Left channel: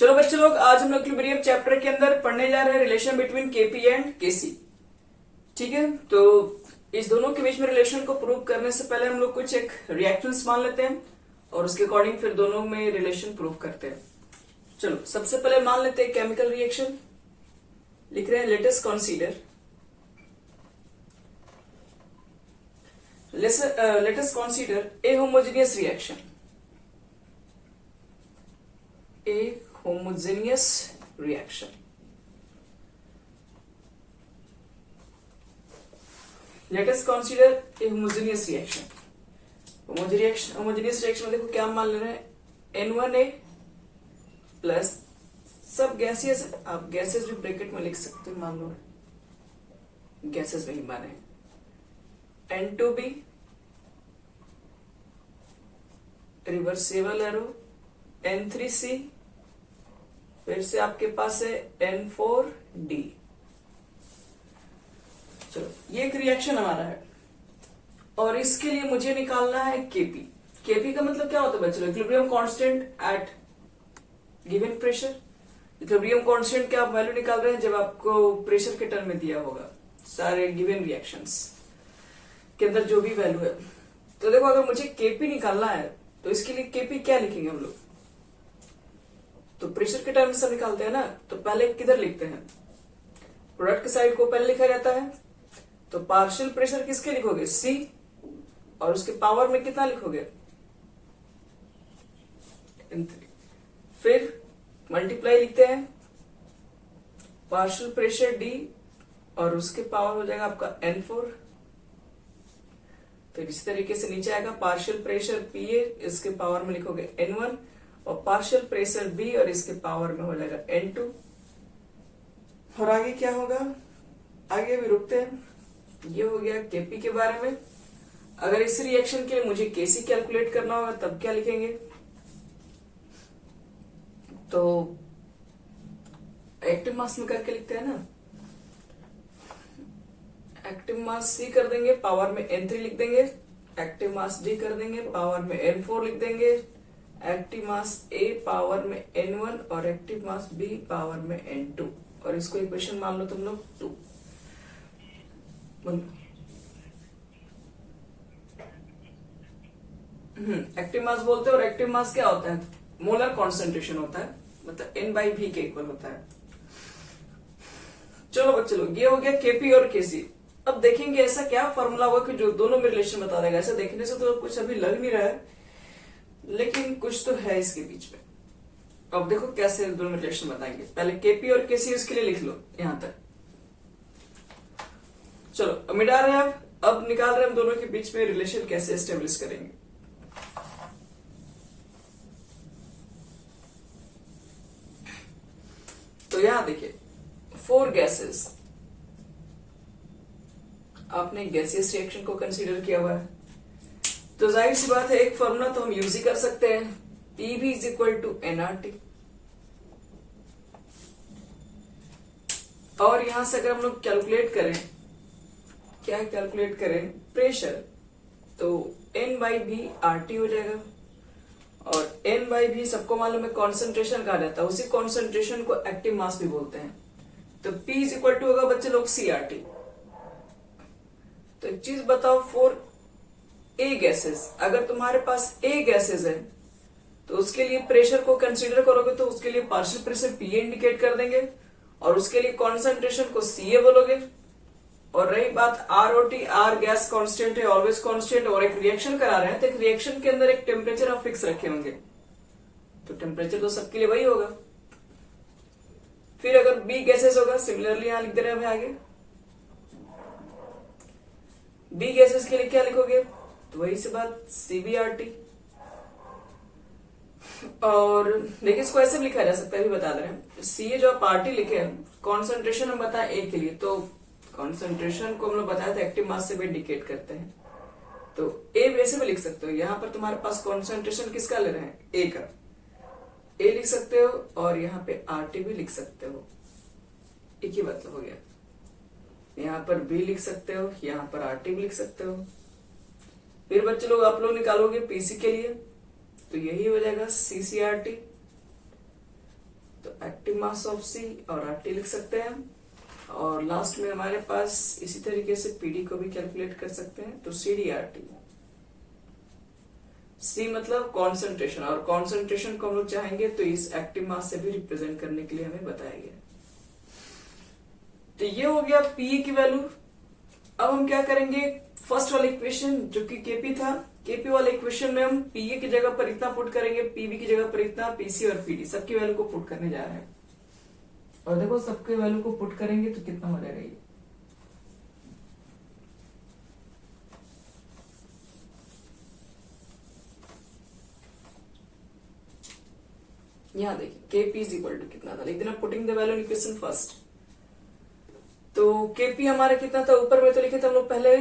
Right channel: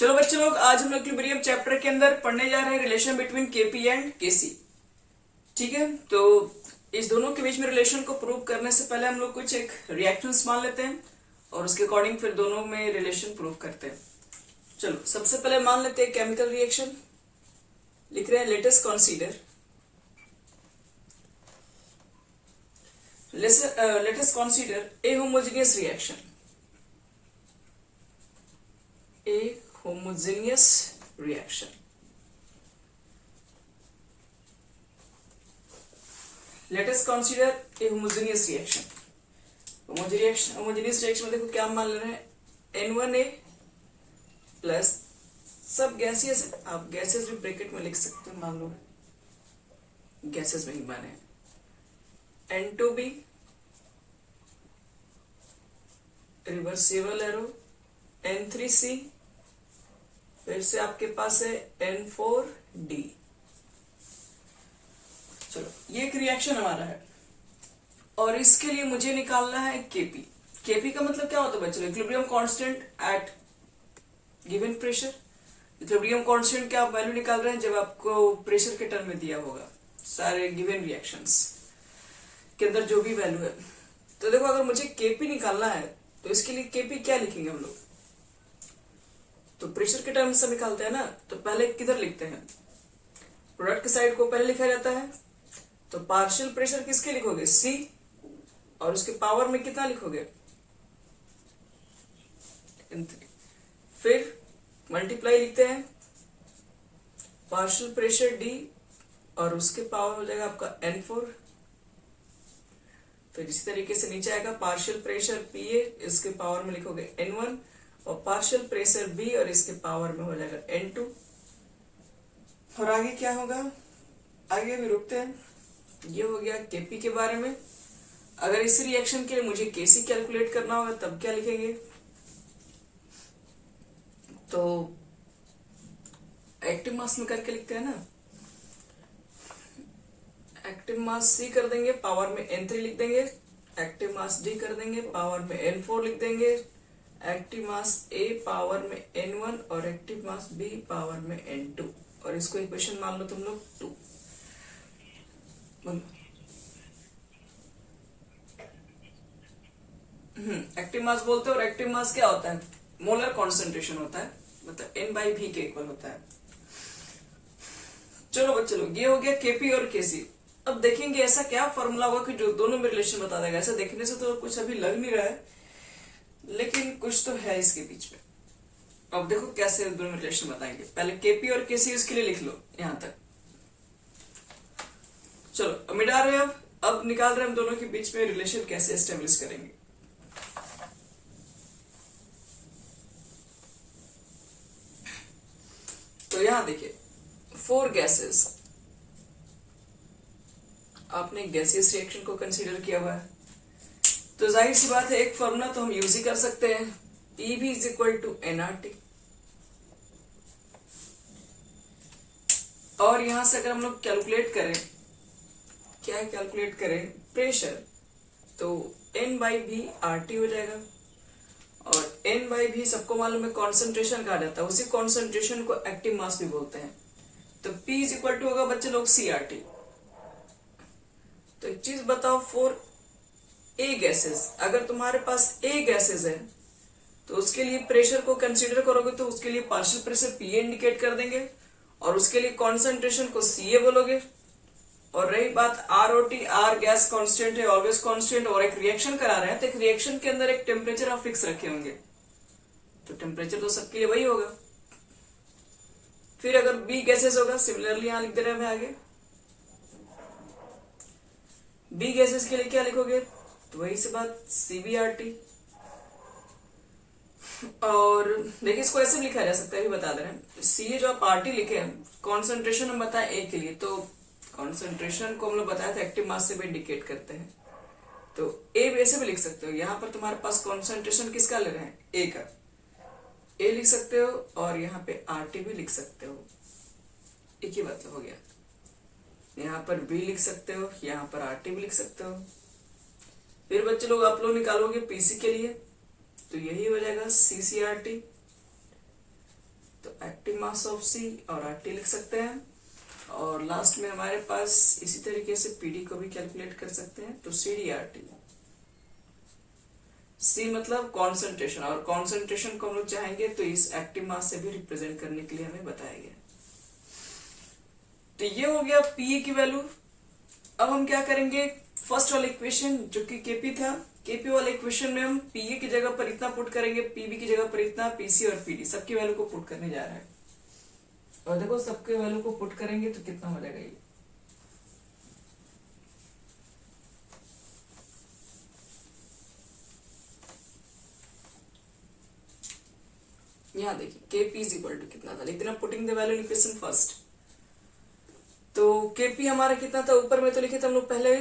चलो बच्चे लोग, आज हम इक्विलिब्रियम चैप्टर के अंदर पढ़ने जा रहे हैं रिलेशन बिटवीन केपी एंड केसी। ठीक है, तो इस दोनों के बीच में रिलेशन को प्रूव करने से पहले हम लोग कुछ एक रिएक्शंस मान लेते हैं और उसके अकॉर्डिंग फिर दोनों में रिलेशन प्रूव करते हैं। चलो सबसे पहले मान लेते हैं केमिकल रिएक्शन। लिख रहे हैं let us consider a homogeneous reaction. A homogeneous reaction. Let us consider a homogeneous reaction. Homogeneous reaction में देखो क्या मान ले रहे हैं, N1A प्लस सब गैसेस, आप गैसेस भी ब्रैकेट में लिख सकते हैं, मान लो गैसेस में ही माने, N2B रिवर्सेबल एरो, N3C, फिर से आपके पास है N4D। चलो ये एक रिएक्शन हमारा है और इसके लिए मुझे निकालना है केपी। केपी का मतलब क्या होता है बच्चों? Equilibrium constant eight given pressure. Equilibrium constant क्या आप वैल्यू निकाल रहे हैं जब आपको प्रेशर के टर्म में दिया होगा, सारे गिवन रिएक्शंस के अंदर जो भी वैल्यू है। तो देखो अगर मुझे केपी निकालना है तो इसके लिए केपी क्या लिखेंगे हम लोग? तो प्रेशर के टर्म से निकालते हैं ना, तो पहले किधर लिखते हैं? प्रोडक्ट के साइड को पहले लिखा जाता है। तो पार्शियल प्रेशर किसके लिखोगे? C, और उसके पावर में कितना लिखोगे? N3। फिर मल्टीप्लाई लिखते हैं पार्शियल प्रेशर D और उसके पावर हो जाएगा आपका N4। फिर इसी तरीके से नीचे आएगा पार्शियल प्रेशर PA, इसके पावर में लिखोगे N1, और पार्शियल प्रेशर B और इसके पावर में हो जाएगा N2। और आगे क्या होगा? आगे भी रुकते हैं। ये हो गया केपी के बारे में। अगर इस रिएक्शन के लिए मुझे केसी कैलकुलेट करना होगा तब क्या लिखेंगे? तो एक्टिव मास में करके लिखते हैं ना, एक्टिव मास C कर देंगे, पावर में N3 लिख देंगे, एक्टिव मास D कर देंगे, पावर में N4 लिख देंगे, एक्टिव मास A पावर में N1 और एक्टिव मास B पावर में N2, और इसको इक्वेशन मान लो तुम लोग 2। एक्टिव मास बोलते हैं, और एक्टिव मास क्या होता है? मोलर कॉन्सेंट्रेशन होता है, मतलब N/V के इक्वल होता है। चलो बच्चे लोग, ये हो गया केपी और केसी। अब देखेंगे ऐसा क्या फॉर्मूला होगा कि जो दोनों में रिलेशन बता देगा। ऐसा देखने से तो कुछ अभी लग नहीं रहा है, लेकिन कुछ तो है इसके बीच में। अब देखो कैसे दोनों में रिलेशन बताएंगे। पहले केपी और केसी उसके लिए लिख लो यहां तक। चलो अब मिटा रहे हैं, अब निकाल रहे हैं हम दोनों के बीच में रिलेशन कैसे एस्टेब्लिश करेंगे। तो यहां देखिए 4 गैसेस, आपने गैसियस रिएक्शन को कंसीडर किया हुआ है, तो जाहिर सी बात है एक फॉर्मूला तो हम यूज ही कर सकते हैं, PV is equal to NRT। और यहां से अगर हम लोग कैलकुलेट करें, क्या कैलकुलेट करें? प्रेशर, तो N/V RT हो जाएगा, और N/V सबको मालूम है कॉन्सेंट्रेशन कहा जाता है, उसी कॉन्सेंट्रेशन को एक्टिव मास भी बोलते हैं। तो P इज इक्वल टू होगा बच्चे लोग CRT। तो एक चीज बताओ, 4 A गैसेस, अगर तुम्हारे पास A गैसेस है तो उसके लिए प्रेशर को कंसीडर करोगे तो उसके लिए पार्शियल प्रेशर PA इंडिकेट कर देंगे, और उसके लिए कॉन्सेंट्रेशन को CA बोलोगे। और रही बात ROT, R गैस कांस्टेंट है, ऑलवेज कांस्टेंट, और एक रिएक्शन करा रहे हैं तो एक रिएक्शन के अंदर एक टेम्परेचर आप फिक्स रखे होंगे, तो टेम्परेचर तो सबके लिए वही होगा। फिर अगर B गैसेस होगा, सिमिलरली यहां लिख दे रहे हैं आगे, B गैसेस के लिए क्या लिखोगे? तो वही से बात CBRT। और देखिए इसको ऐसे भी लिखा जा सकता है, भी बता दे रहे हैं। सी जो आप RT लिखे हैं, कॉन्सेंट्रेशन हम बताएं A के लिए, तो कॉन्सेंट्रेशन को हम लोग बताया था एक्टिव मास से भी इंडिकेट करते हैं, तो A वैसे भी लिख सकते हो। यहाँ पर तुम्हारे पास कॉन्सेंट्रेशन किसका ले रहे हैं? A का, A लिख सकते हो, और यहाँ पे RT भी लिख सकते हो, एक ही मतलब हो गया। यहाँ पर B लिख सकते हो, यहाँ पर RT भी लिख सकते हो। फिर बच्चे लोग आप लोग निकालोगे पीसी के लिए, तो यही हो जाएगा CCRT। मास ऑफ सी और आरटी लिख सकते हैं। और लास्ट में हमारे पास इसी तरीके से पीडी को भी कैलकुलेट कर सकते हैं। तो सी डी आर टी, सी मतलब कॉन्सेंट्रेशन, और कॉन्सेंट्रेशन को हम लोग चाहेंगे तो इस एक्टिव मास से भी रिप्रेजेंट करने के लिए हमें बताया गया। तो ये हो गया पीए की वैल्यू। अब हम क्या करेंगे, फर्स्ट वाला इक्वेशन जो कि केपी था, केपी वाले इक्वेशन में हम पीए की जगह पर इतना पुट करेंगे, पीबी की जगह पर इतना, पीसी और पीडी सबकी वैल्यू को पुट करने जा रहे हैं। और देखो सबके वैल्यू को पुट करेंगे तो कितना हो जाएगा ये, यहां देखिए केपी इज इक्वल टू कितना था, लिख देना putting the value in equation first. तो केपी हमारा कितना था, ऊपर में तो लिखे थे हम लोग पहले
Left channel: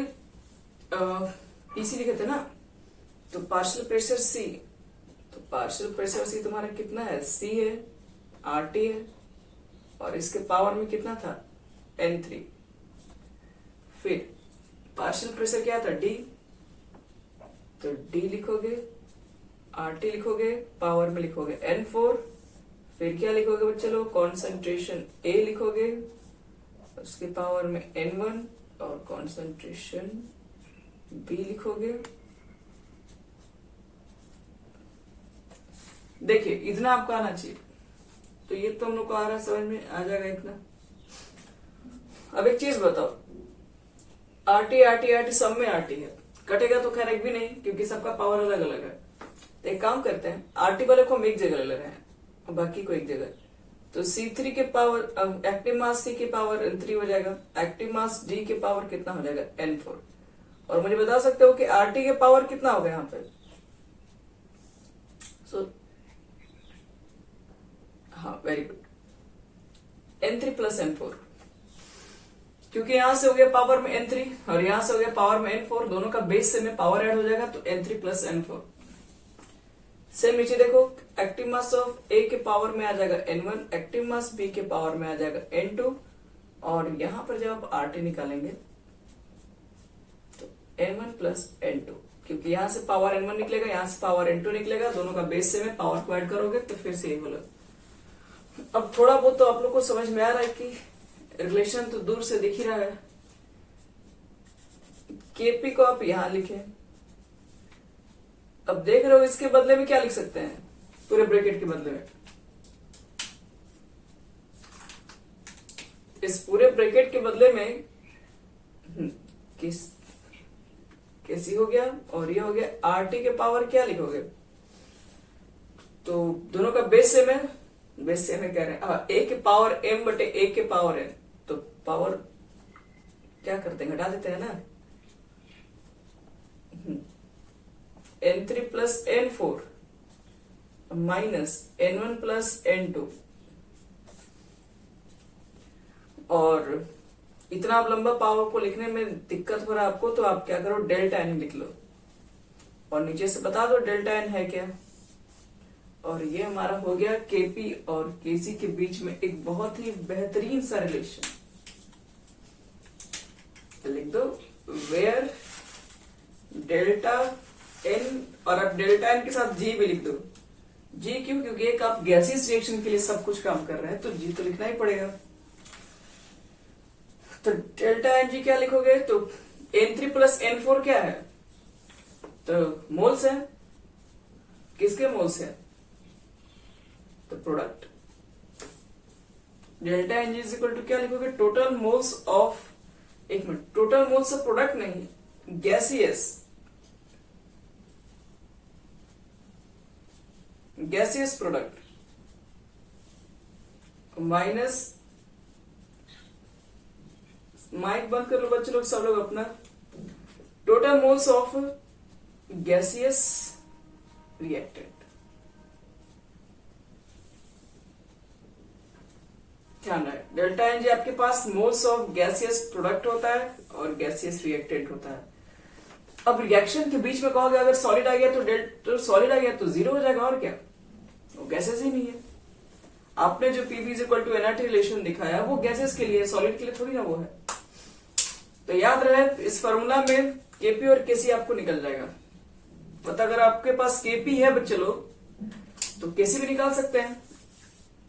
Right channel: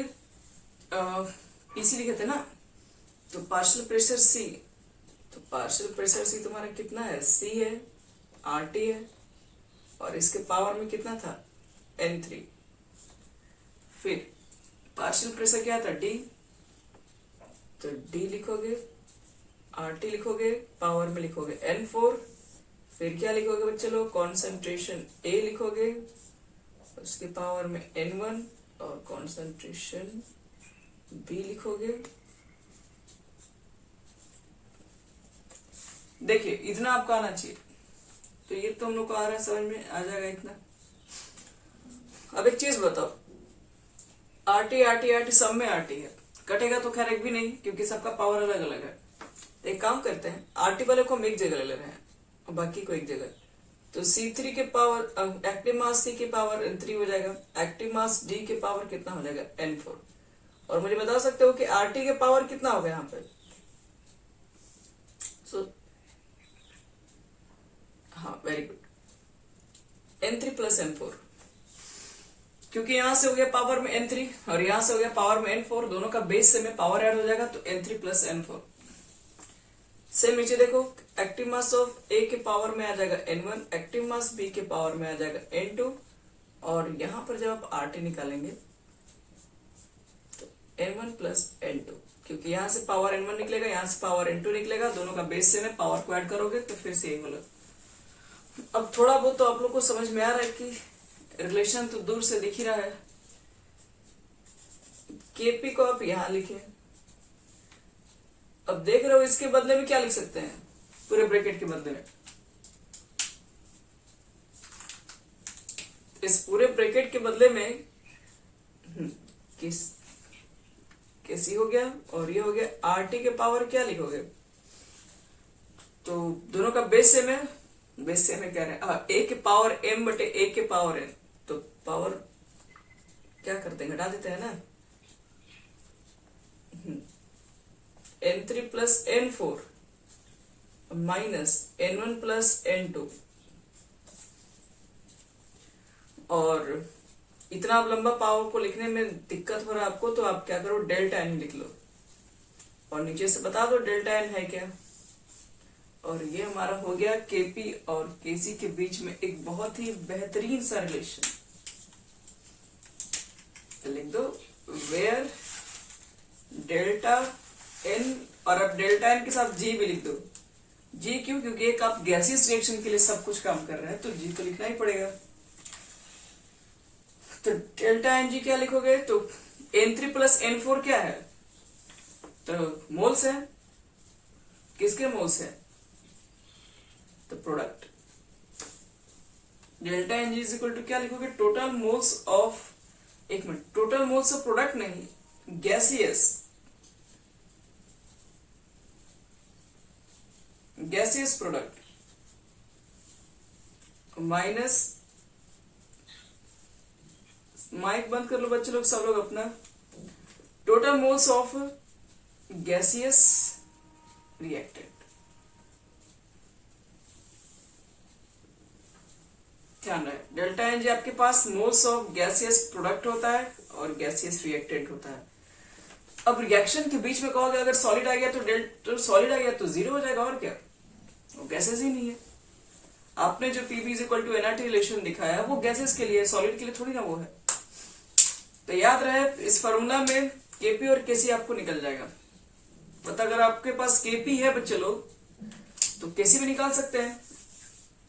पीसी लिखे थे ना, तो पार्शियल प्रेशर सी, तो पार्शियल प्रेशर सी तुम्हारा कितना है, सी है, आरटी है, और इसके पावर में कितना था, N3। फिर पार्शियल प्रेशर क्या था, डी, तो डी लिखोगे, आरटी लिखोगे, पावर में लिखोगे N4। फिर क्या लिखोगे बच्चे लोग, कॉन्सेंट्रेशन ए लिखोगे, उसके पावर में N1, और कॉन्सेंट्रेशन बी लिखोगे। देखिए इतना आपका आना चाहिए, तो ये तो हम लोग को आ रहा है, समझ में आ जाएगा इतना। अब एक चीज बताओ, आरटी आरटी आरटी सब में आरटी है, कटेगा तो खैर एक भी नहीं क्योंकि सबका पावर अलग अलग है। तो एक काम करते हैं, आरटी वाले को हम एक जगह ले रहे हैं और बाकी को एक जगह। तो C3 के पावर, एक्टिव मास C के पावर N3 हो जाएगा, एक्टिव मास D के पावर कितना हो जाएगा, N4। और मुझे बता सकते हो कि आरटी के पावर कितना होगा यहाँ पे, हाँ very good, N3 plus N4, क्योंकि यहां से हो गया पावर में N3 और यहां से हो गया पावर में N4, दोनों का बेस से में पावर ऐड हो जाएगा, तो N3 प्लस N4। सेम नीचे देखो, एक्टिव मास ऑफ ए के पावर में आ जाएगा N1, एक्टिव मास बी के पावर में आ जाएगा N2, और यहां पर जब आप आरटी निकालेंगे तो N1 प्लस N2, क्योंकि यहां से पावर N1 निकलेगा, यहां से पावर N2 निकलेगा, दोनों का बेस से में पावर को ऐड करोगे तो फिर से ये बोलो। अब थोड़ा बहुत तो आप लोग को समझ में आ रहा है कि रिलेशन तो दूर से दिख ही रहा है। केपी को आप यहां लिखें, अब देख रहे हो इसके बदले में क्या लिख सकते हैं, पूरे ब्रैकेट के बदले में, इस पूरे ब्रैकेट के बदले में कैसी हो गया, और ये हो गया आरटी के पावर क्या लिखोगे, तो दोनों का बेस से में कह रहे हैं, ए के पावर m बटे ए के पावर n, तो पावर क्या करते हैं, घटा देते हैं ना, N3 plus N4 minus N1 plus N2, और इतना आप लंबा पावर को लिखने में दिक्कत हो रहा है आपको, तो आप क्या करो, डेल्टा n लिख लो और नीचे से बता दो डेल्टा n है क्या। और ये हमारा हो गया केपी और केसी के बीच में एक बहुत ही बेहतरीन सा रिलेशन। तो लिख दो वेयर डेल्टा n, और अब डेल्टा n के साथ जी भी लिख दो। जी क्यों, क्योंकि एक आप गैसियस रिएक्शन के लिए सब कुछ काम कर रहे हैं, तो जी तो लिखना ही पड़ेगा। तो डेल्टा एन जी क्या लिखोगे, तो N3 प्लस N4 क्या है, तो मोल्स है, किसके मोल्स है, तो product. Delta N G is equal to क्या लिखोगे, टोटल मोल्स ऑफ, एक minute, total moles of product नहीं, गैसियस प्रोडक्ट माइनस, माइक बंद कर लो बच्चे लोग, सब लोग अपना, total moles of gaseous reactant. ध्यान रहे, डेल्टा एन जी आपके पास मोल्स ऑफ गैसियस प्रोडक्ट होता है और गैसियस रिएक्टेंट होता है। अब रिएक्शन के बीच में कहोगे अगर सॉलिड आ गया तो सॉलिड आ गया तो जीरो हो जाएगा, और क्या, वो गैसेस ही नहीं है। आपने जो PV is equal to NRT relation दिखाया वो गैसेस के लिए, सॉलिड के लिए थोड़ी ना वो है। तो याद रहे इस फॉर्मूला में केपी और केसी आपको निकल जाएगा। पता अगर आपके पास केपी है बच्चे लोग तो केसी भी निकाल सकते हैं,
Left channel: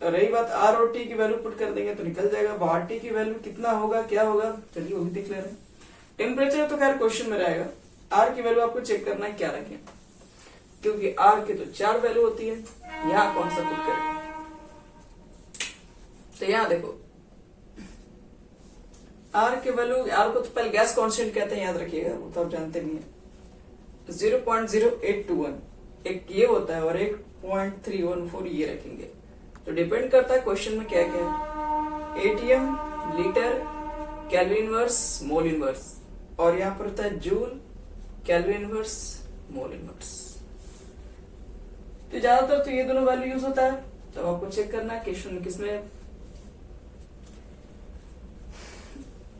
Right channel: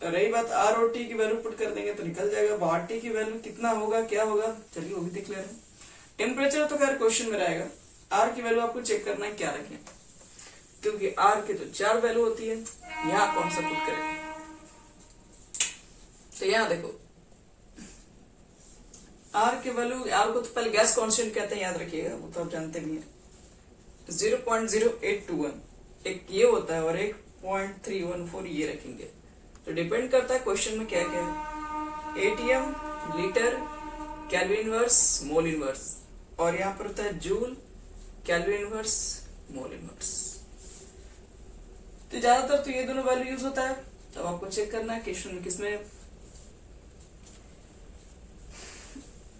रही बात आर और टी की वैल्यू पुट कर देंगे तो निकल जाएगा। अब आर टी की वैल्यू कितना होगा, क्या होगा, चलिए वो भी देख ले रहे हैं। टेम्परेचर तो खैर क्वेश्चन में रहेगा, आर की वैल्यू आपको चेक करना है क्या रखें, क्योंकि आर के तो 4 वैल्यू होती है, यहाँ कौन सा पुट करें। तो यहाँ देखो आर के वैल्यू, आर को तो पहले गैस कांस्टेंट कहते हैं, याद रखिएगा, वो तो आप जानते भी हैं। 0.0821 एक ये होता है और एक 0.314 ये रखेंगे। तो डिपेंड करता है क्वेश्चन में क्या क्या है। ATM, litre, kelvin inverse, mole inverse, और यहाँ पर होता है joule, kelvin inverse, mole inverse. तो ज्यादातर तो ये दोनों वैल्यू यूज होता है। तो आपको चेक करना है क्वेश्चन में किसमें।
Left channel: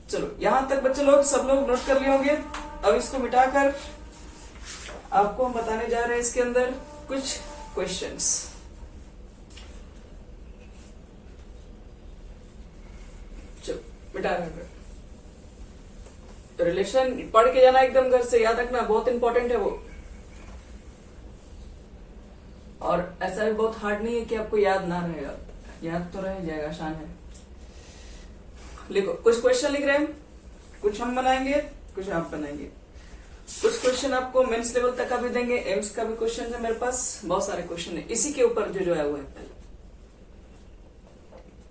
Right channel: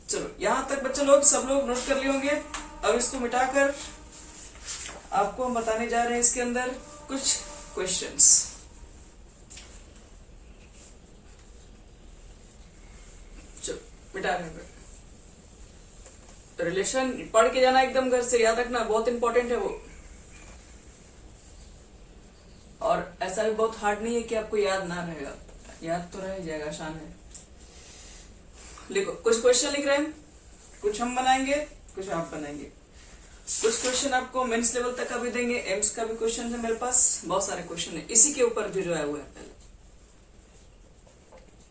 चलो यहां तक बच्चे लोग सब लोग नोट कर लिए होंगे। अब इसको मिटाकर आपको हम बताने जा रहे हैं इसके अंदर कुछ क्वेश्चंस। चलो मिटा रहे हैं। रिलेशन पढ़ के जाना एकदम घर से, याद रखना, बहुत इंपॉर्टेंट है वो। और ऐसा भी बहुत हार्ड नहीं है कि आपको याद ना रहेगा, याद तो रह जाएगा, आसान है। लिखो, कुछ क्वेश्चन लिख रहे हैं, कुछ हम बनाएंगे, कुछ आप बनाएंगे। कुछ क्वेश्चन आपको मेंस लेवल तक का भी देंगे, एम्स का भी क्वेश्चन है मेरे पास, बहुत सारे क्वेश्चन है इसी के ऊपर जो है वो है। पहले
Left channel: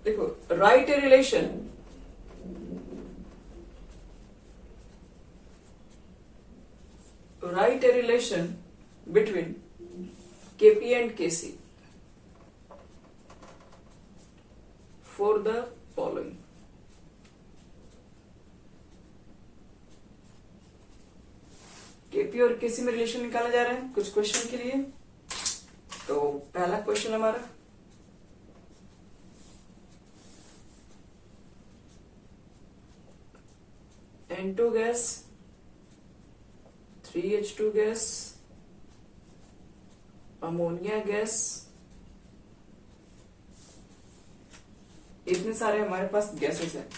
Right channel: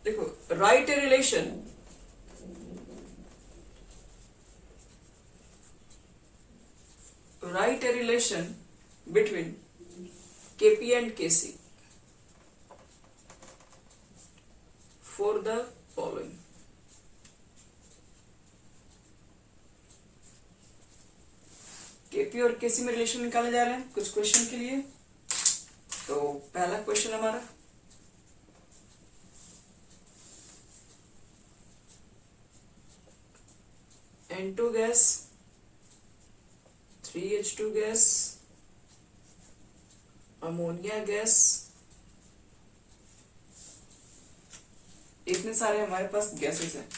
देखो, right a relation, write a relation between Kp and Kc for the following. Kp और Kc में रिलेशन निकाला जा रहा है कुछ क्वेश्चन के लिए। तो पहला क्वेश्चन हमारा, N2 gas, 3H2 gas, ammonia gas, इतने सारे हमारे पास गैसेस हैं।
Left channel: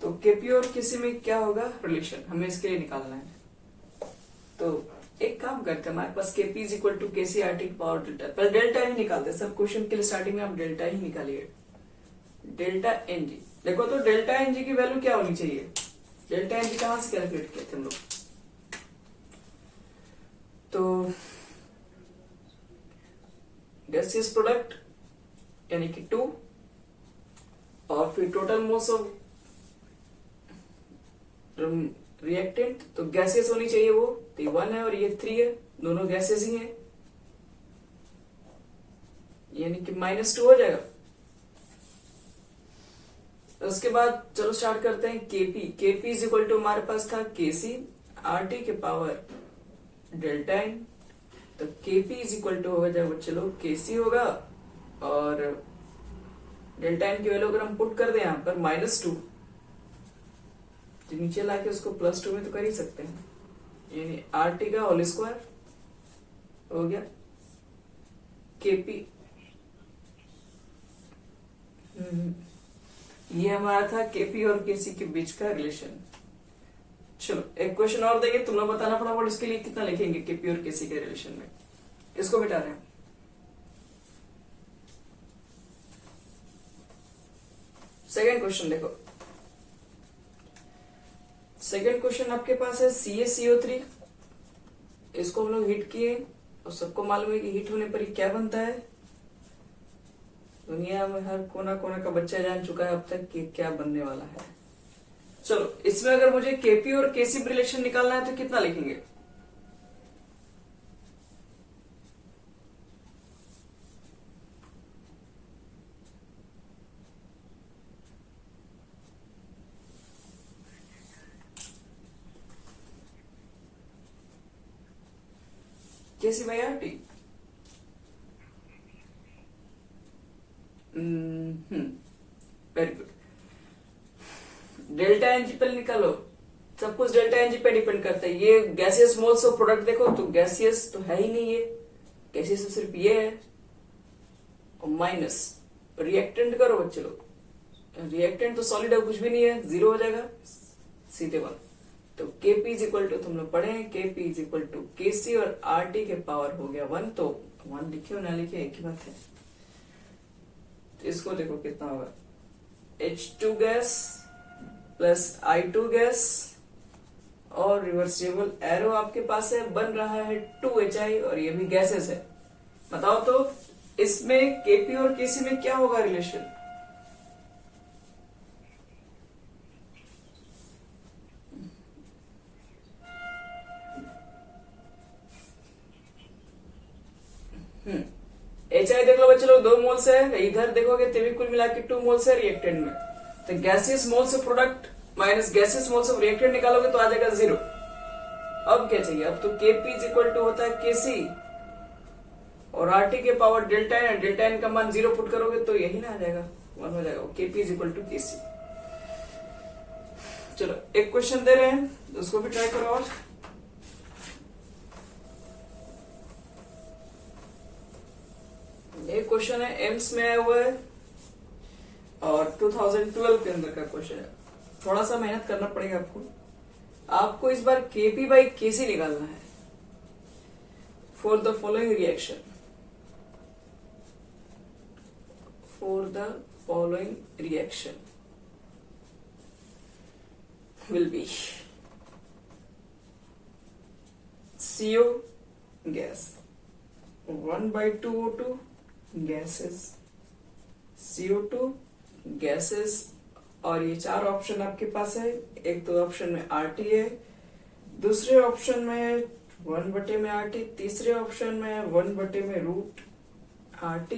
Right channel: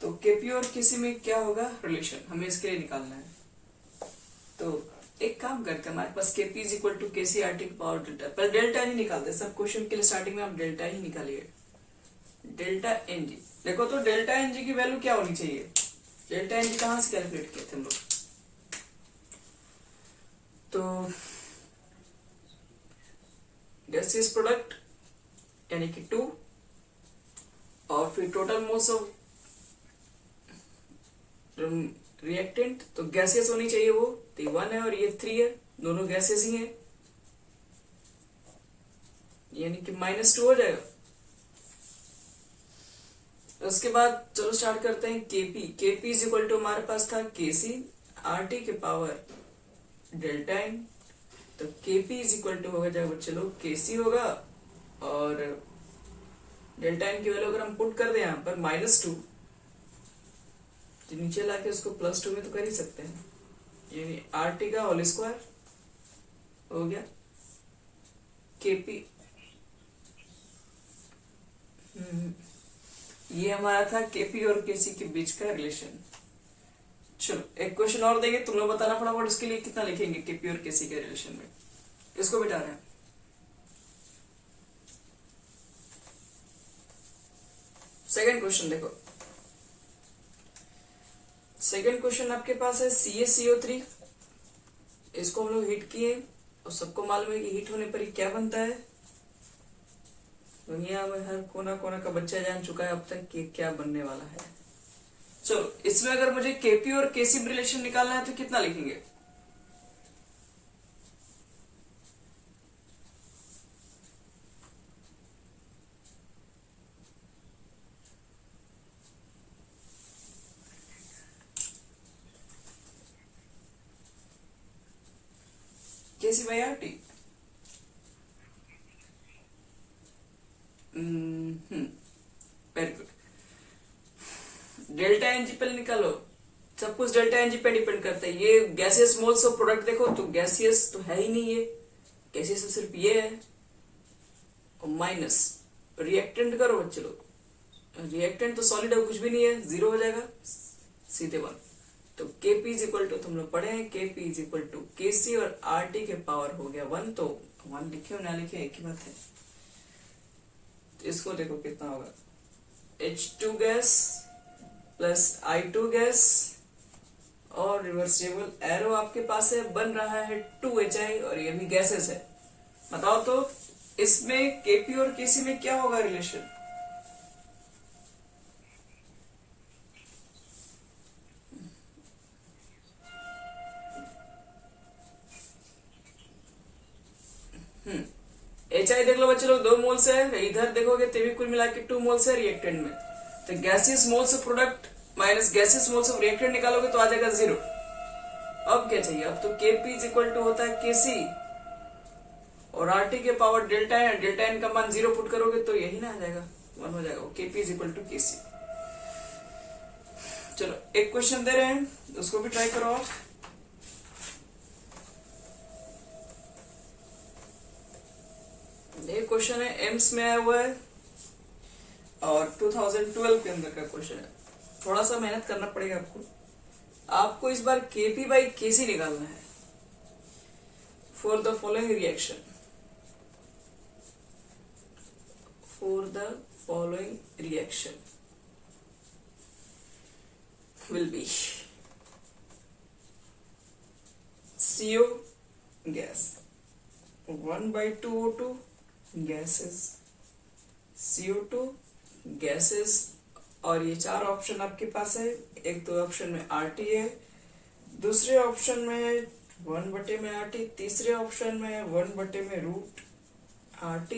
तो केपी और किसी में क्या होगा रिलेशन, हमें इसके लिए निकालना है। तो एक काम करते हैं, हमारे पास KP is equal to KC R T power delta, पर डेल्टा ही निकालते हैं सब क्वेश्चन के लिए। स्टार्टिंग में आप डेल्टा ही निकालिए, डेल्टा एन जी। देखो तो डेल्टा एन जी की वैल्यू क्या होनी चाहिए, डेल्टा एन जी कहां से कैलकुलेट किए थे हम लोग। तो गैसियस प्रोडक्ट यानी कि 2, और फिर टोटल मोल्स ऑफ रिएक्टेंट, तो गैसियस होनी चाहिए वो, तो ये 1 है और ये 3 है, दोनों गैसेस ही है, यानी कि -2 हो जाएगा। उसके बाद चलो स्टार्ट करते हैं KP. KP is equal to हमारे पास था केसी आर टी के पावर डेल्टा एन। तो केपी इज इक्वल टू हो जाएगा चलो केसी होगा, और डेल्टा एन की वैल्यू अगर हम पुट कर दें यहाँ पर -2, तो नीचे लाके उसको +2 में तो कर ही सकते हैं, यानी आर टी का होल स्क्वायर हो गया केपी। ये हमारा था केपी और केसी के बीच का रिलेशन। चलो एक क्वेश्चन और देंगे, तुम लोग बताना फटाफट उसके लिए कितना लिखेंगे केपी और केसी के रिलेशन में। इसको मिटा रहे हैं। सेकंड क्वेश्चन देखो, सेकंड क्वेश्चन आपके पास है CaCO3। इसको हम लोग हीट किए और सबको मालूम है कि हीट होने पर क्या बनता है। दुनिया में हर कोना कोना का बच्चा जान चुका है अब तक कि क्या बनने वाला है। चलो इसमें अगर मुझे केपी और केसी रिलेशन निकालना है तो कितना लिखेंगे, KC by R T. Very good. Delta N G पे निकालो, सब कुछ डेल्टा एन जी पे डिपेंड करता है। ये गैसियस मोल्स ऑफ प्रोडक्ट देखो तो गैसियस तो है ही नहीं, ये गैसियस तो सिर्फ ये है, और माइनस रिएक्टेंट करो बच्चे लोग, रिएक्टेंट तो सॉलिड है, कुछ भी नहीं है, 0 हो जाएगा सीधे 1। तो केपी इज इक्वल टू तुम लोग पढ़े हैं, केपी इज इक्वल टू केसी और आर टी के पावर हो गया 1। तो 1 लिखे ना लिखे एक ही बात है। इसको देखो कितना होगा, H2 gas plus I2 gas और रिवर्सिबल एरो आपके पास है, बन रहा है 2HI और ये भी गैसेस है। बताओ तो इसमें Kp और Kc में क्या होगा रिलेशन? HI देख लो बच्चे लोग 2 मोल्स है, इधर देखोगे तो भी कुल मिला के 2 मोल्स है रिएक्टेंट में। तो gaseous moles of product minus gaseous moles of reactant निकालोगे तो आ जाएगा 0। अब क्या चाहिए? अब तो Kp इज इक्वल टू होता है Kc और RT के power delta N, delta N का मान 0 पुट करोगे तो यही ना आ जाएगा, 1 हो जाएगा। Kp is equal to Kc। चलो एक क्वेश्चन दे रहे हैं, उसको भी ट्राई करो। और ये क्वेश्चन है एम्स में आया हुआ है और 2012 के अंदर का क्वेश्चन है। थोड़ा सा मेहनत करना पड़ेगा आपको इस बार Kp बाई Kc निकालना है for the following reaction. For the following reaction will be CO gas 1/2O2 gases, CO2 gases और ये 4 ऑप्शन आपके पास है। एक तो ऑप्शन में RT है, दूसरे ऑप्शन में 1/RT, तीसरे ऑप्शन में 1/√RT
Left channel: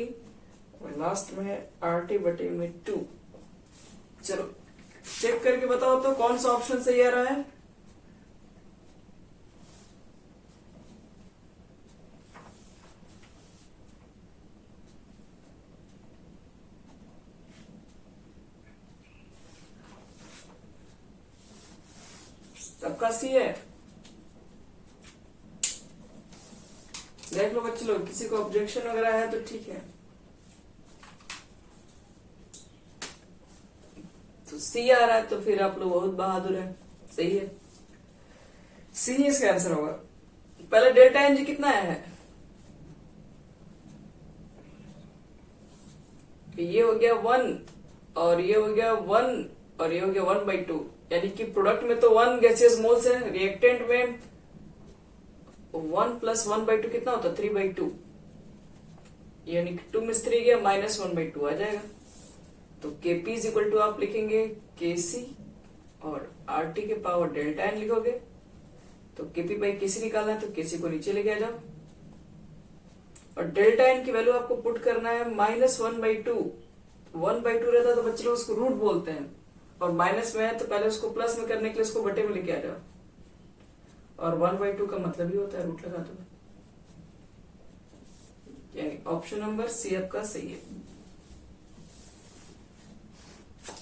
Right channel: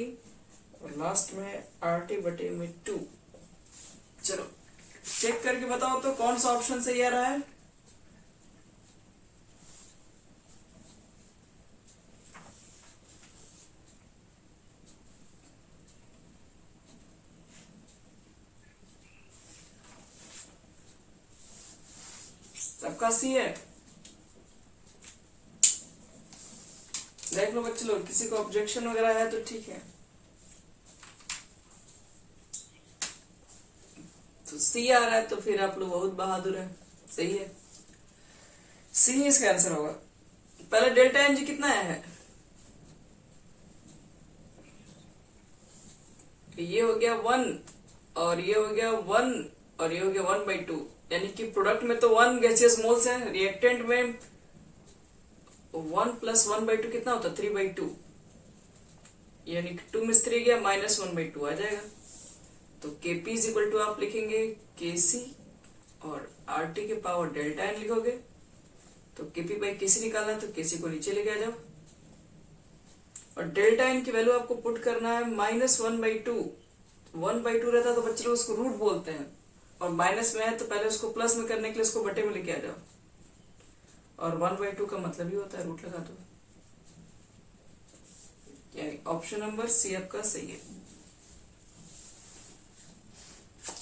और लास्ट में RT/2। चलो चेक करके बताओ तो कौन सा ऑप्शन सही आ रहा है? सबका सी है। देख लो बच्चे लोग, किसी को ऑब्जेक्शन वगैरह है तो ठीक है। तो सी आ रहा है तो फिर आप लोग बहुत बहादुर हैं, सही है। सी इसका आंसर होगा। पहले डेल्टा एन जी कितना आया है? ये हो गया 1 और ये हो गया 1 और ये हो गया 1/2, यानी कि प्रोडक्ट में तो 1 गैसियस मोल्स है, रिएक्टेंट में 1 + 1/2 कितना होता है? 3/2, यानी कि 2 में 3 गया, -1/2 आ जाएगा। तो Kp इज इक्वल टू आप लिखेंगे Kc और RT के पावर डेल्टा एन लिखोगे। तो Kp बाई Kc निकालना है तो Kc को नीचे लेके आ जाओ और डेल्टा एन की वैल्यू आपको पुट करना है -1/2। 1/2 रहता तो बच्चे लोग उसको रूट बोलते हैं और माइनस में है तो पहले उसको प्लस में करने के लिए उसको बटे में लेके आ जाओ और 1/2 का मतलब ही होता है रूट लगा दो। यानी ऑप्शन नंबर सी आपका सही है।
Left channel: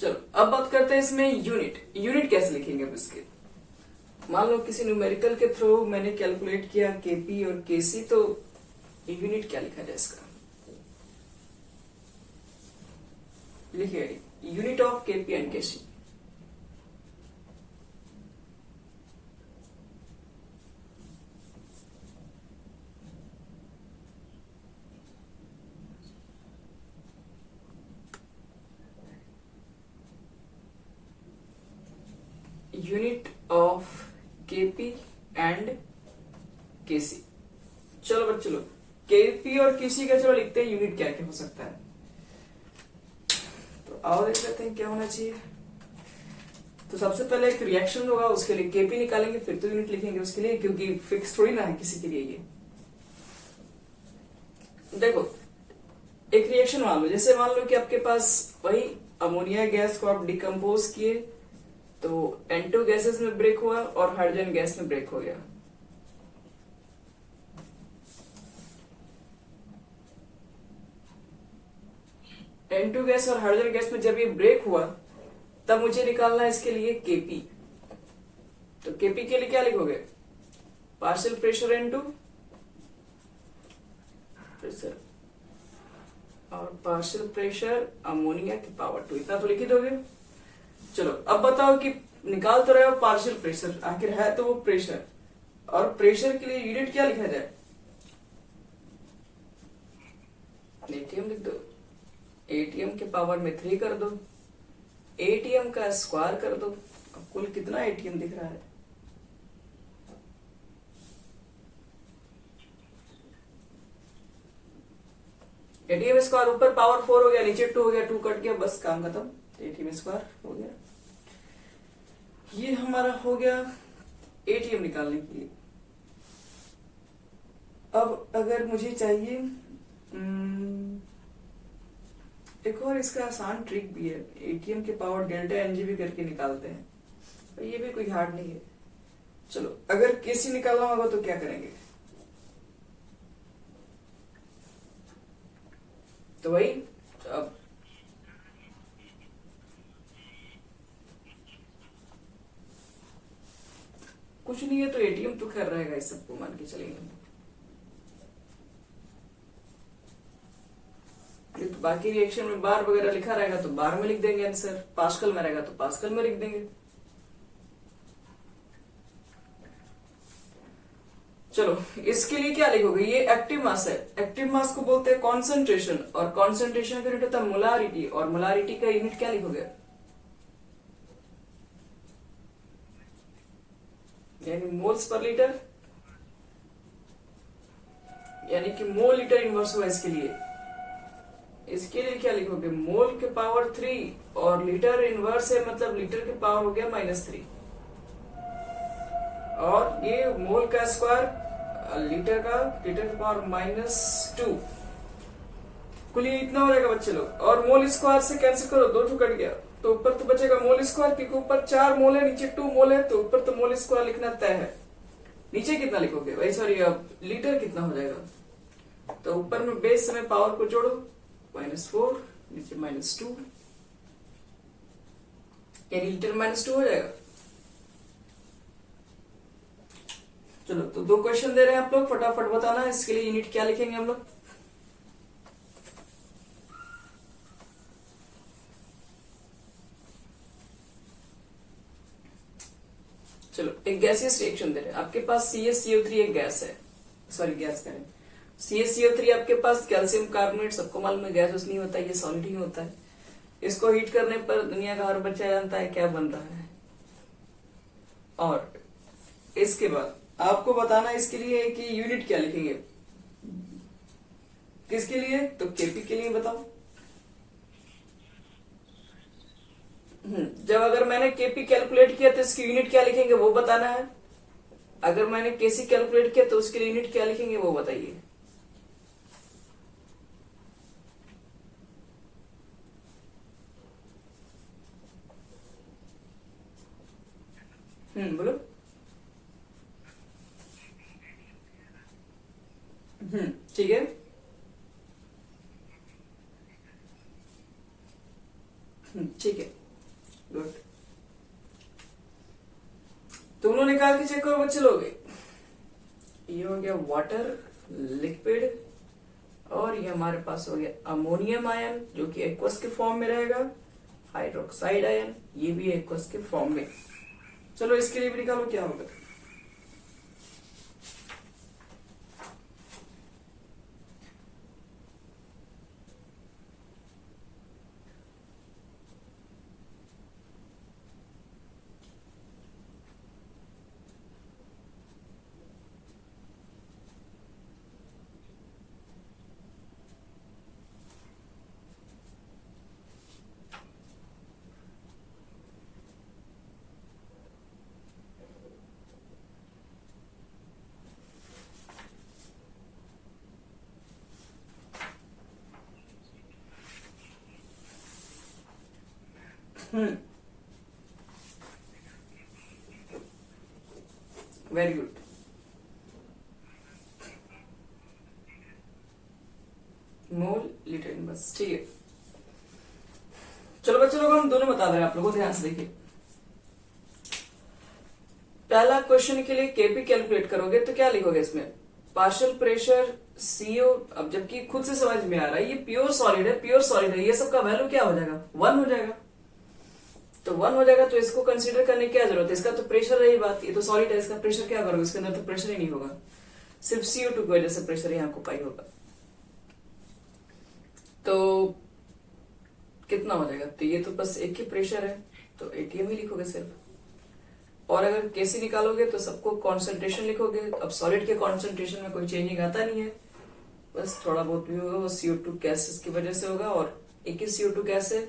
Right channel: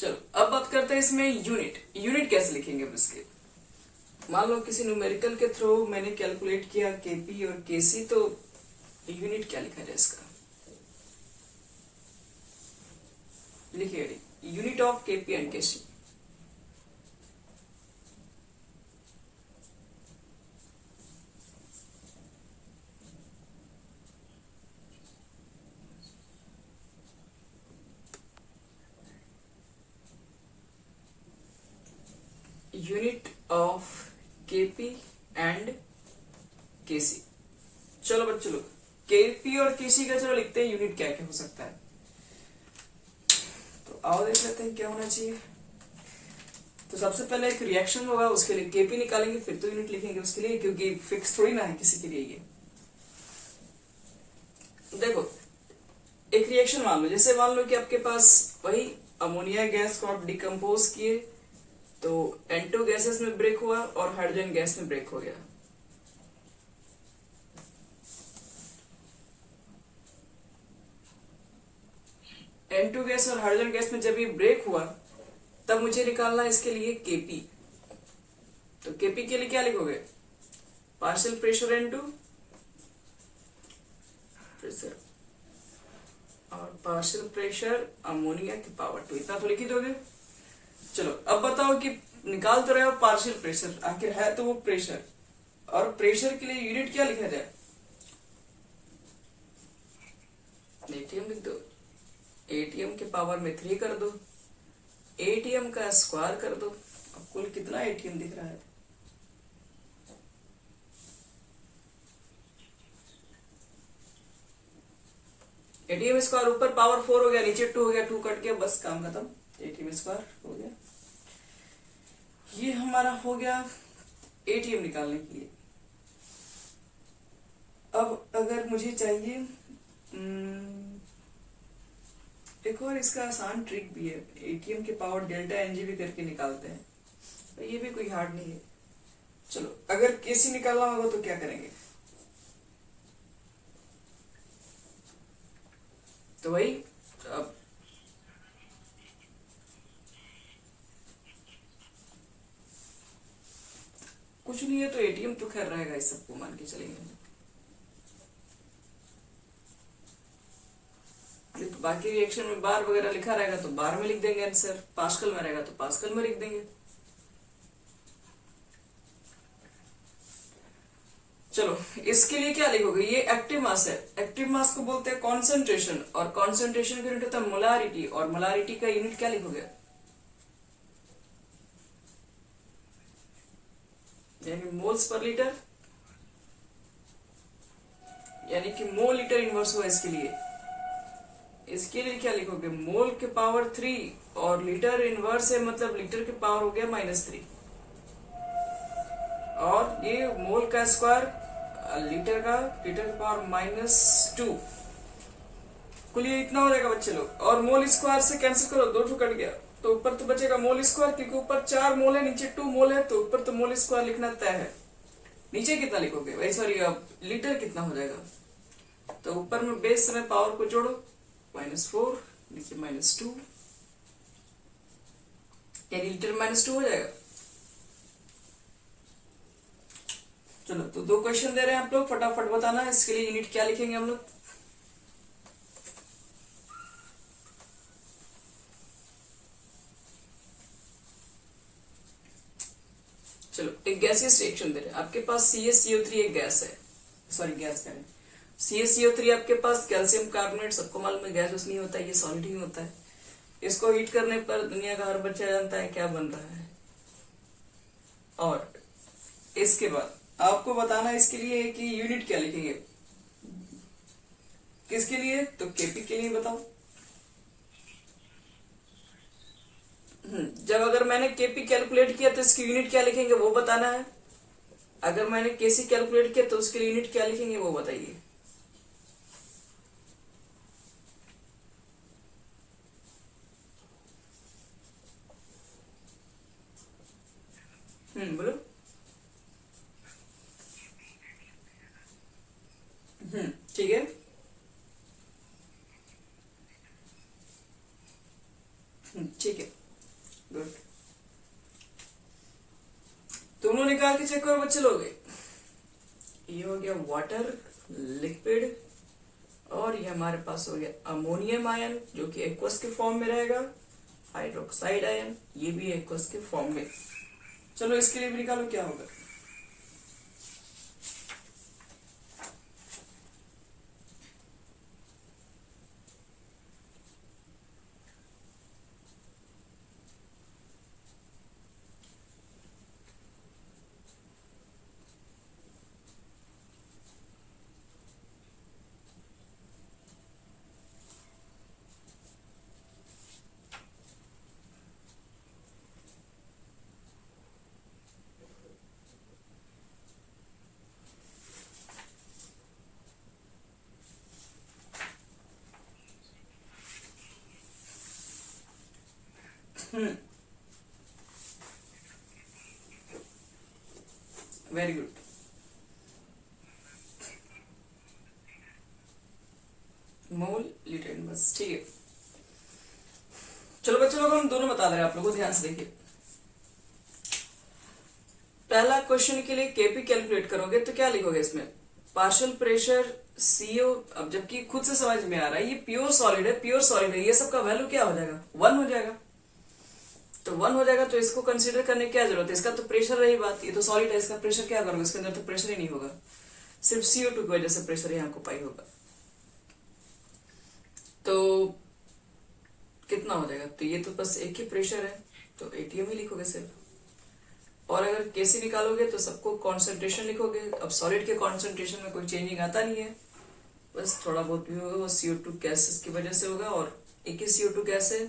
चलो अब बात करते हैं इसमें यूनिट कैसे लिखेंगे अब इसके। मान लो किसी न्यूमेरिकल के थ्रू मैंने कैलकुलेट किया Kp और Kc, तो यूनिट क्या लिखा जाए इसका? लिखिए unit of Kp and Kc। Unit of Kp and Kc। चलो बच्चों लोग, Kp और Kc का चलो लिखते हैं यूनिट क्या क्या हो सकता है। तो आओ देख लेते हैं क्या होना चाहिए। तो सबसे पहले एक रिएक्शन होगा, उसके लिए Kp निकालेंगे, फिर तो यूनिट लिखेंगे उसके लिए, क्योंकि फिक्स थोड़ी ना है किसी के लिए ये। देखो एक रिएक्शन मान लो, जैसे मान लो कि आपके पास वही अमोनिया गैस को आप डिकम्पोज किए तो N2 गैसेस में ब्रेक हुआ और हाइड्रोजन गैस में ब्रेक हो गया। N2 गैस और हाइड्रोजन गैस में जब ये ब्रेक हुआ तब मुझे निकालना है इसके लिए Kp। तो Kp के लिए क्या लिखोगे? पार्शियल प्रेशर N2 प्रेशर और पार्शियल प्रेशर अमोनिया की पावर 2, इतना तो लिख ही दोगे। चलो अब बताओ कि निकाल तो रहे हो पार्शियल प्रेशर, आखिर है तो वो प्रेशर, और प्रेशर के लिए यूनिट क्या लिखा जाए? एटीएम लिख दो। एटीएम के पावर में 3 कर दो, एटीएम का स्क्वायर कर दो। अब कुल कितना एटीएम दिख रहा है? एटीएम स्क्वायर ऊपर पावर 4 हो गया, नीचे 2 हो गया, 2 कट गया, बस काम खत्म। एटीएम स्क्वायर हो गया। ये हमारा हो गया एटीएम निकालने के लिए। अब अगर मुझे चाहिए एक और इसका आसान ट्रिक भी है, एटीएम के पावर डेल्टा एनजीबी करके निकालते हैं, तो ये भी कोई हार्ड नहीं है। चलो अगर केसी निकालना होगा तो क्या करेंगे? तो वही अब कुछ नहीं है तो एटीएम तो खैर रहेगा, इस सबको मान के चलेंगे हम। तो बाकी रिएक्शन में बार वगैरह लिखा रहेगा तो बार में लिख देंगे आंसर, पास्कल में रहेगा तो पास्कल में लिख देंगे। चलो इसके लिए क्या लिखोगे? ये एक्टिव मास है, एक्टिव मास को बोलते हैं कॉन्सेंट्रेशन, और कॉन्सेंट्रेशन का यूनिट होता है मोलारिटी, और मोलारिटी का यूनिट क्या लिखोगे? यानी मोल्स पर लीटर, यानी कि मोल लीटर इनवर्स हुआ इसके लिए। इसके लिए क्या लिखोगे? मोल के पावर 3 और लीटर इनवर्स है, मतलब लीटर के पावर हो गया -3, और ये मोल का स्क्वायर लीटर के पावर -2। कुल ये इतना हो जाएगा बच्चे लोग। और मोल स्क्वायर से कैंसिल करो, 2 कट गया, तो ऊपर तो बचेगा मोल स्क्वायर, क्योंकि ऊपर 4 मोल है, नीचे 2 मोल है, तो ऊपर तो मोल स्क्वायर लिखना तय है। नीचे कितना लिखोगे? वही सॉरी, अब लीटर कितना हो जाएगा? तो ऊपर में बेस में पावर को जोड़ो, -4, नीचे -2, यानी लीटर -2 हो जाएगा। चलो तो 2 क्वेश्चन दे रहे हैं आप लोग, फटाफट बताना है इसके लिए यूनिट क्या लिखेंगे हम लोग। चलो एक गैसियस रिएक्शन दे रहे हैं, आपके पास CaCO3 एक गैस है, सॉरी गैस करें, CaCO3 आपके पास कैल्शियम कार्बोनेट, सबको मालूम है गैस उस नहीं होता है, ये सॉलिड ही होता है। इसको हीट करने पर दुनिया का हर बच्चा जानता है क्या बन रहा है। और इसके बाद आपको बताना इसके लिए है कि यूनिट क्या लिखेंगे, किसके लिए? तो केपी के लिए बताओ। जब अगर मैंने केपी कैलकुलेट किया तो इसकी यूनिट क्या लिखेंगे वो बताना है। अगर मैंने केसी कैलकुलेट किया तो उसके लिए यूनिट क्या लिखेंगे वो बताइए। बोलो। ठीक है, ठीक है, गुड। तुम लोग निकाल के चेक करो बच्चे लोग। ये हो गया वाटर लिक्विड, और ये हमारे पास हो गया अमोनियम आयन जो कि एक्वस के फॉर्म में रहेगा, हाइड्रोक्साइड आयन ये भी एक्वस के फॉर्म में। चलो इसके लिए भी निकालो क्या होगा। Very good. मोल लीटर बस, ठीक है। चलो बच्चों लोग हम दोनों बता दे रहे हैं आप लोगों को, ध्यान से देखिए। पहला क्वेश्चन के लिए केपी कैलकुलेट करोगे तो क्या लिखोगे इसमें? Partial pressure CO. अब जबकि खुद से समझ में आ रहा है ये प्योर सॉलिड है, प्योर सॉलिड है, ये सब का वैल्यू क्या हो जाएगा? 1 हो जाएगा। तो 1 हो जाएगा तो इसको कंसीडर करने की क्या जरूरत है? इसका तो प्रेशर रही बात, ये तो सॉलिड है, इसका प्रेशर क्या करोगे? इसके अंदर तो प्रेशर ही नहीं होगा, सिर्फ CO2 की वजह से प्रेशर यहाँ को पाई होगा। तो कितना हो जाएगा, तो ये तो बस एक ही प्रेशर है तो एटीएम ही लिखोगे सिर्फ। और अगर केसी निकालोगे तो सबको कॉन्सेंट्रेशन लिखोगे। अब सॉलिड के कॉन्सेंट्रेशन में कोई चेंजिंग आता नहीं है, बस थोड़ा बहुत भी होगा वो CO2 गैसेस की वजह से होगा, और एक ही CO2 गैस है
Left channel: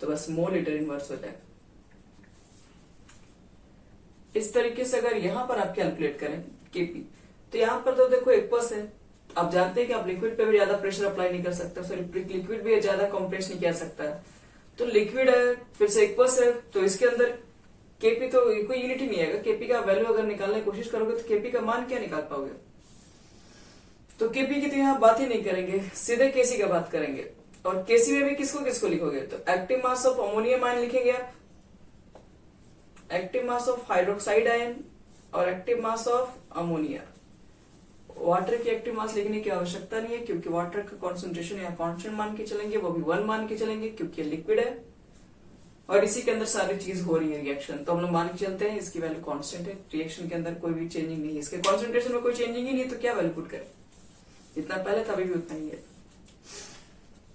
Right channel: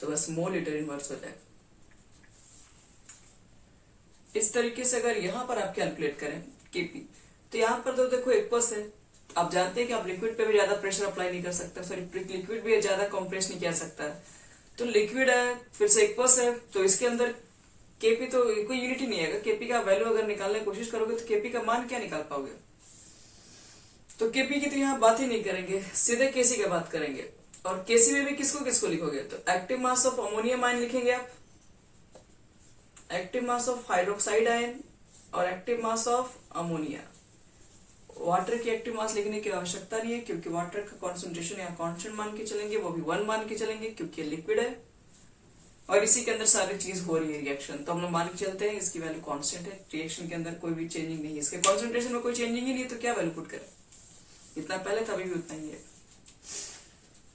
तो बस मोल लीटर इनवर्स हो जाएगा। इस तरीके से अगर यहां पर आप कैलकुलेट करें केपी, तो यहां पर तो देखो 1% है। आप जानते हैं कि आप लिक्विड पे भी ज्यादा प्रेशर अप्लाई नहीं कर सकते, सॉरी लिक्विड भी ज्यादा कंप्रेस नहीं किया सकता है, तो लिक्विड है फिर से 1% है, तो इसके अंदर केपी तो कोई यूनिट ही नहीं आएगा। केपी का वैल्यू अगर निकालने की कोशिश करोगे तो केपी का मान क्या निकाल पाओगे, तो केपी की तो यहाँ बात ही नहीं करेंगे, सीधे केसी का बात करेंगे। और केसी में भी किसको किसको लिखोगे, तो active mass of ammonium ion लिखेंगे आप, active mass of hydroxide ion और active mass of ammonia. Water की एक्टिव मास लिखने की आवश्यकता नहीं है क्योंकि वाटर का कॉन्सेंट्रेशन यहाँ कांस्टेंट मान के चलेंगे, वो भी 1 मान के चलेंगे क्योंकि लिक्विड है और इसी के अंदर सारी चीज हो रही है रिएक्शन, तो हम लोग मान के चलते हैं इसकी वैल्यू कांस्टेंट है। रिएक्शन के अंदर कोई भी चेंजिंग नहीं है, इसके कॉन्सेंट्रेशन में कोई चेंजिंग ही नहीं तो क्या वैल्यू पुट करें, जितना पहले था अभी भी उतना ही है।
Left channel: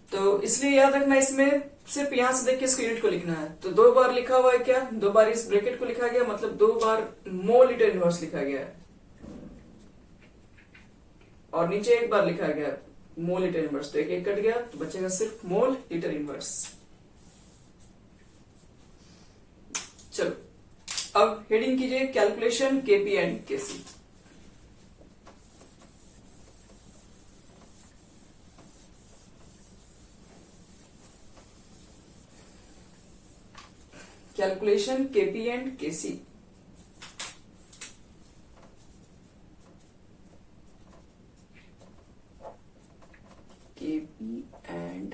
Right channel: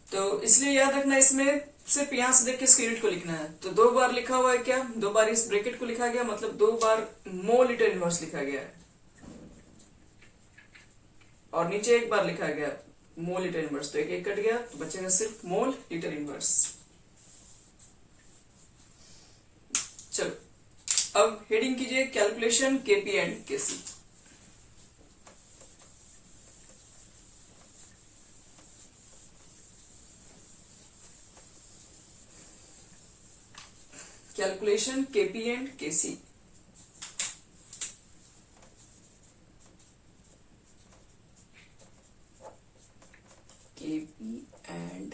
तो इसलिए याद रखना इसमें सिर्फ यहां से देख के इसके यूनिट को लिखना है। तो 2 बार लिखा हुआ है क्या, 2 बार इस ब्रैकेट को लिखा गया, मतलब 2 बार मोल लीटर इनवर्स लिखा गया है, और नीचे 1 बार लिखा गया मोल लीटर इनवर्स, तो एक कट गया तो बचेगा सिर्फ मोल लीटर इनवर्स। चलो अब हेडिंग कीजिए calculation KP and KC. Calculation KP and KC. KP and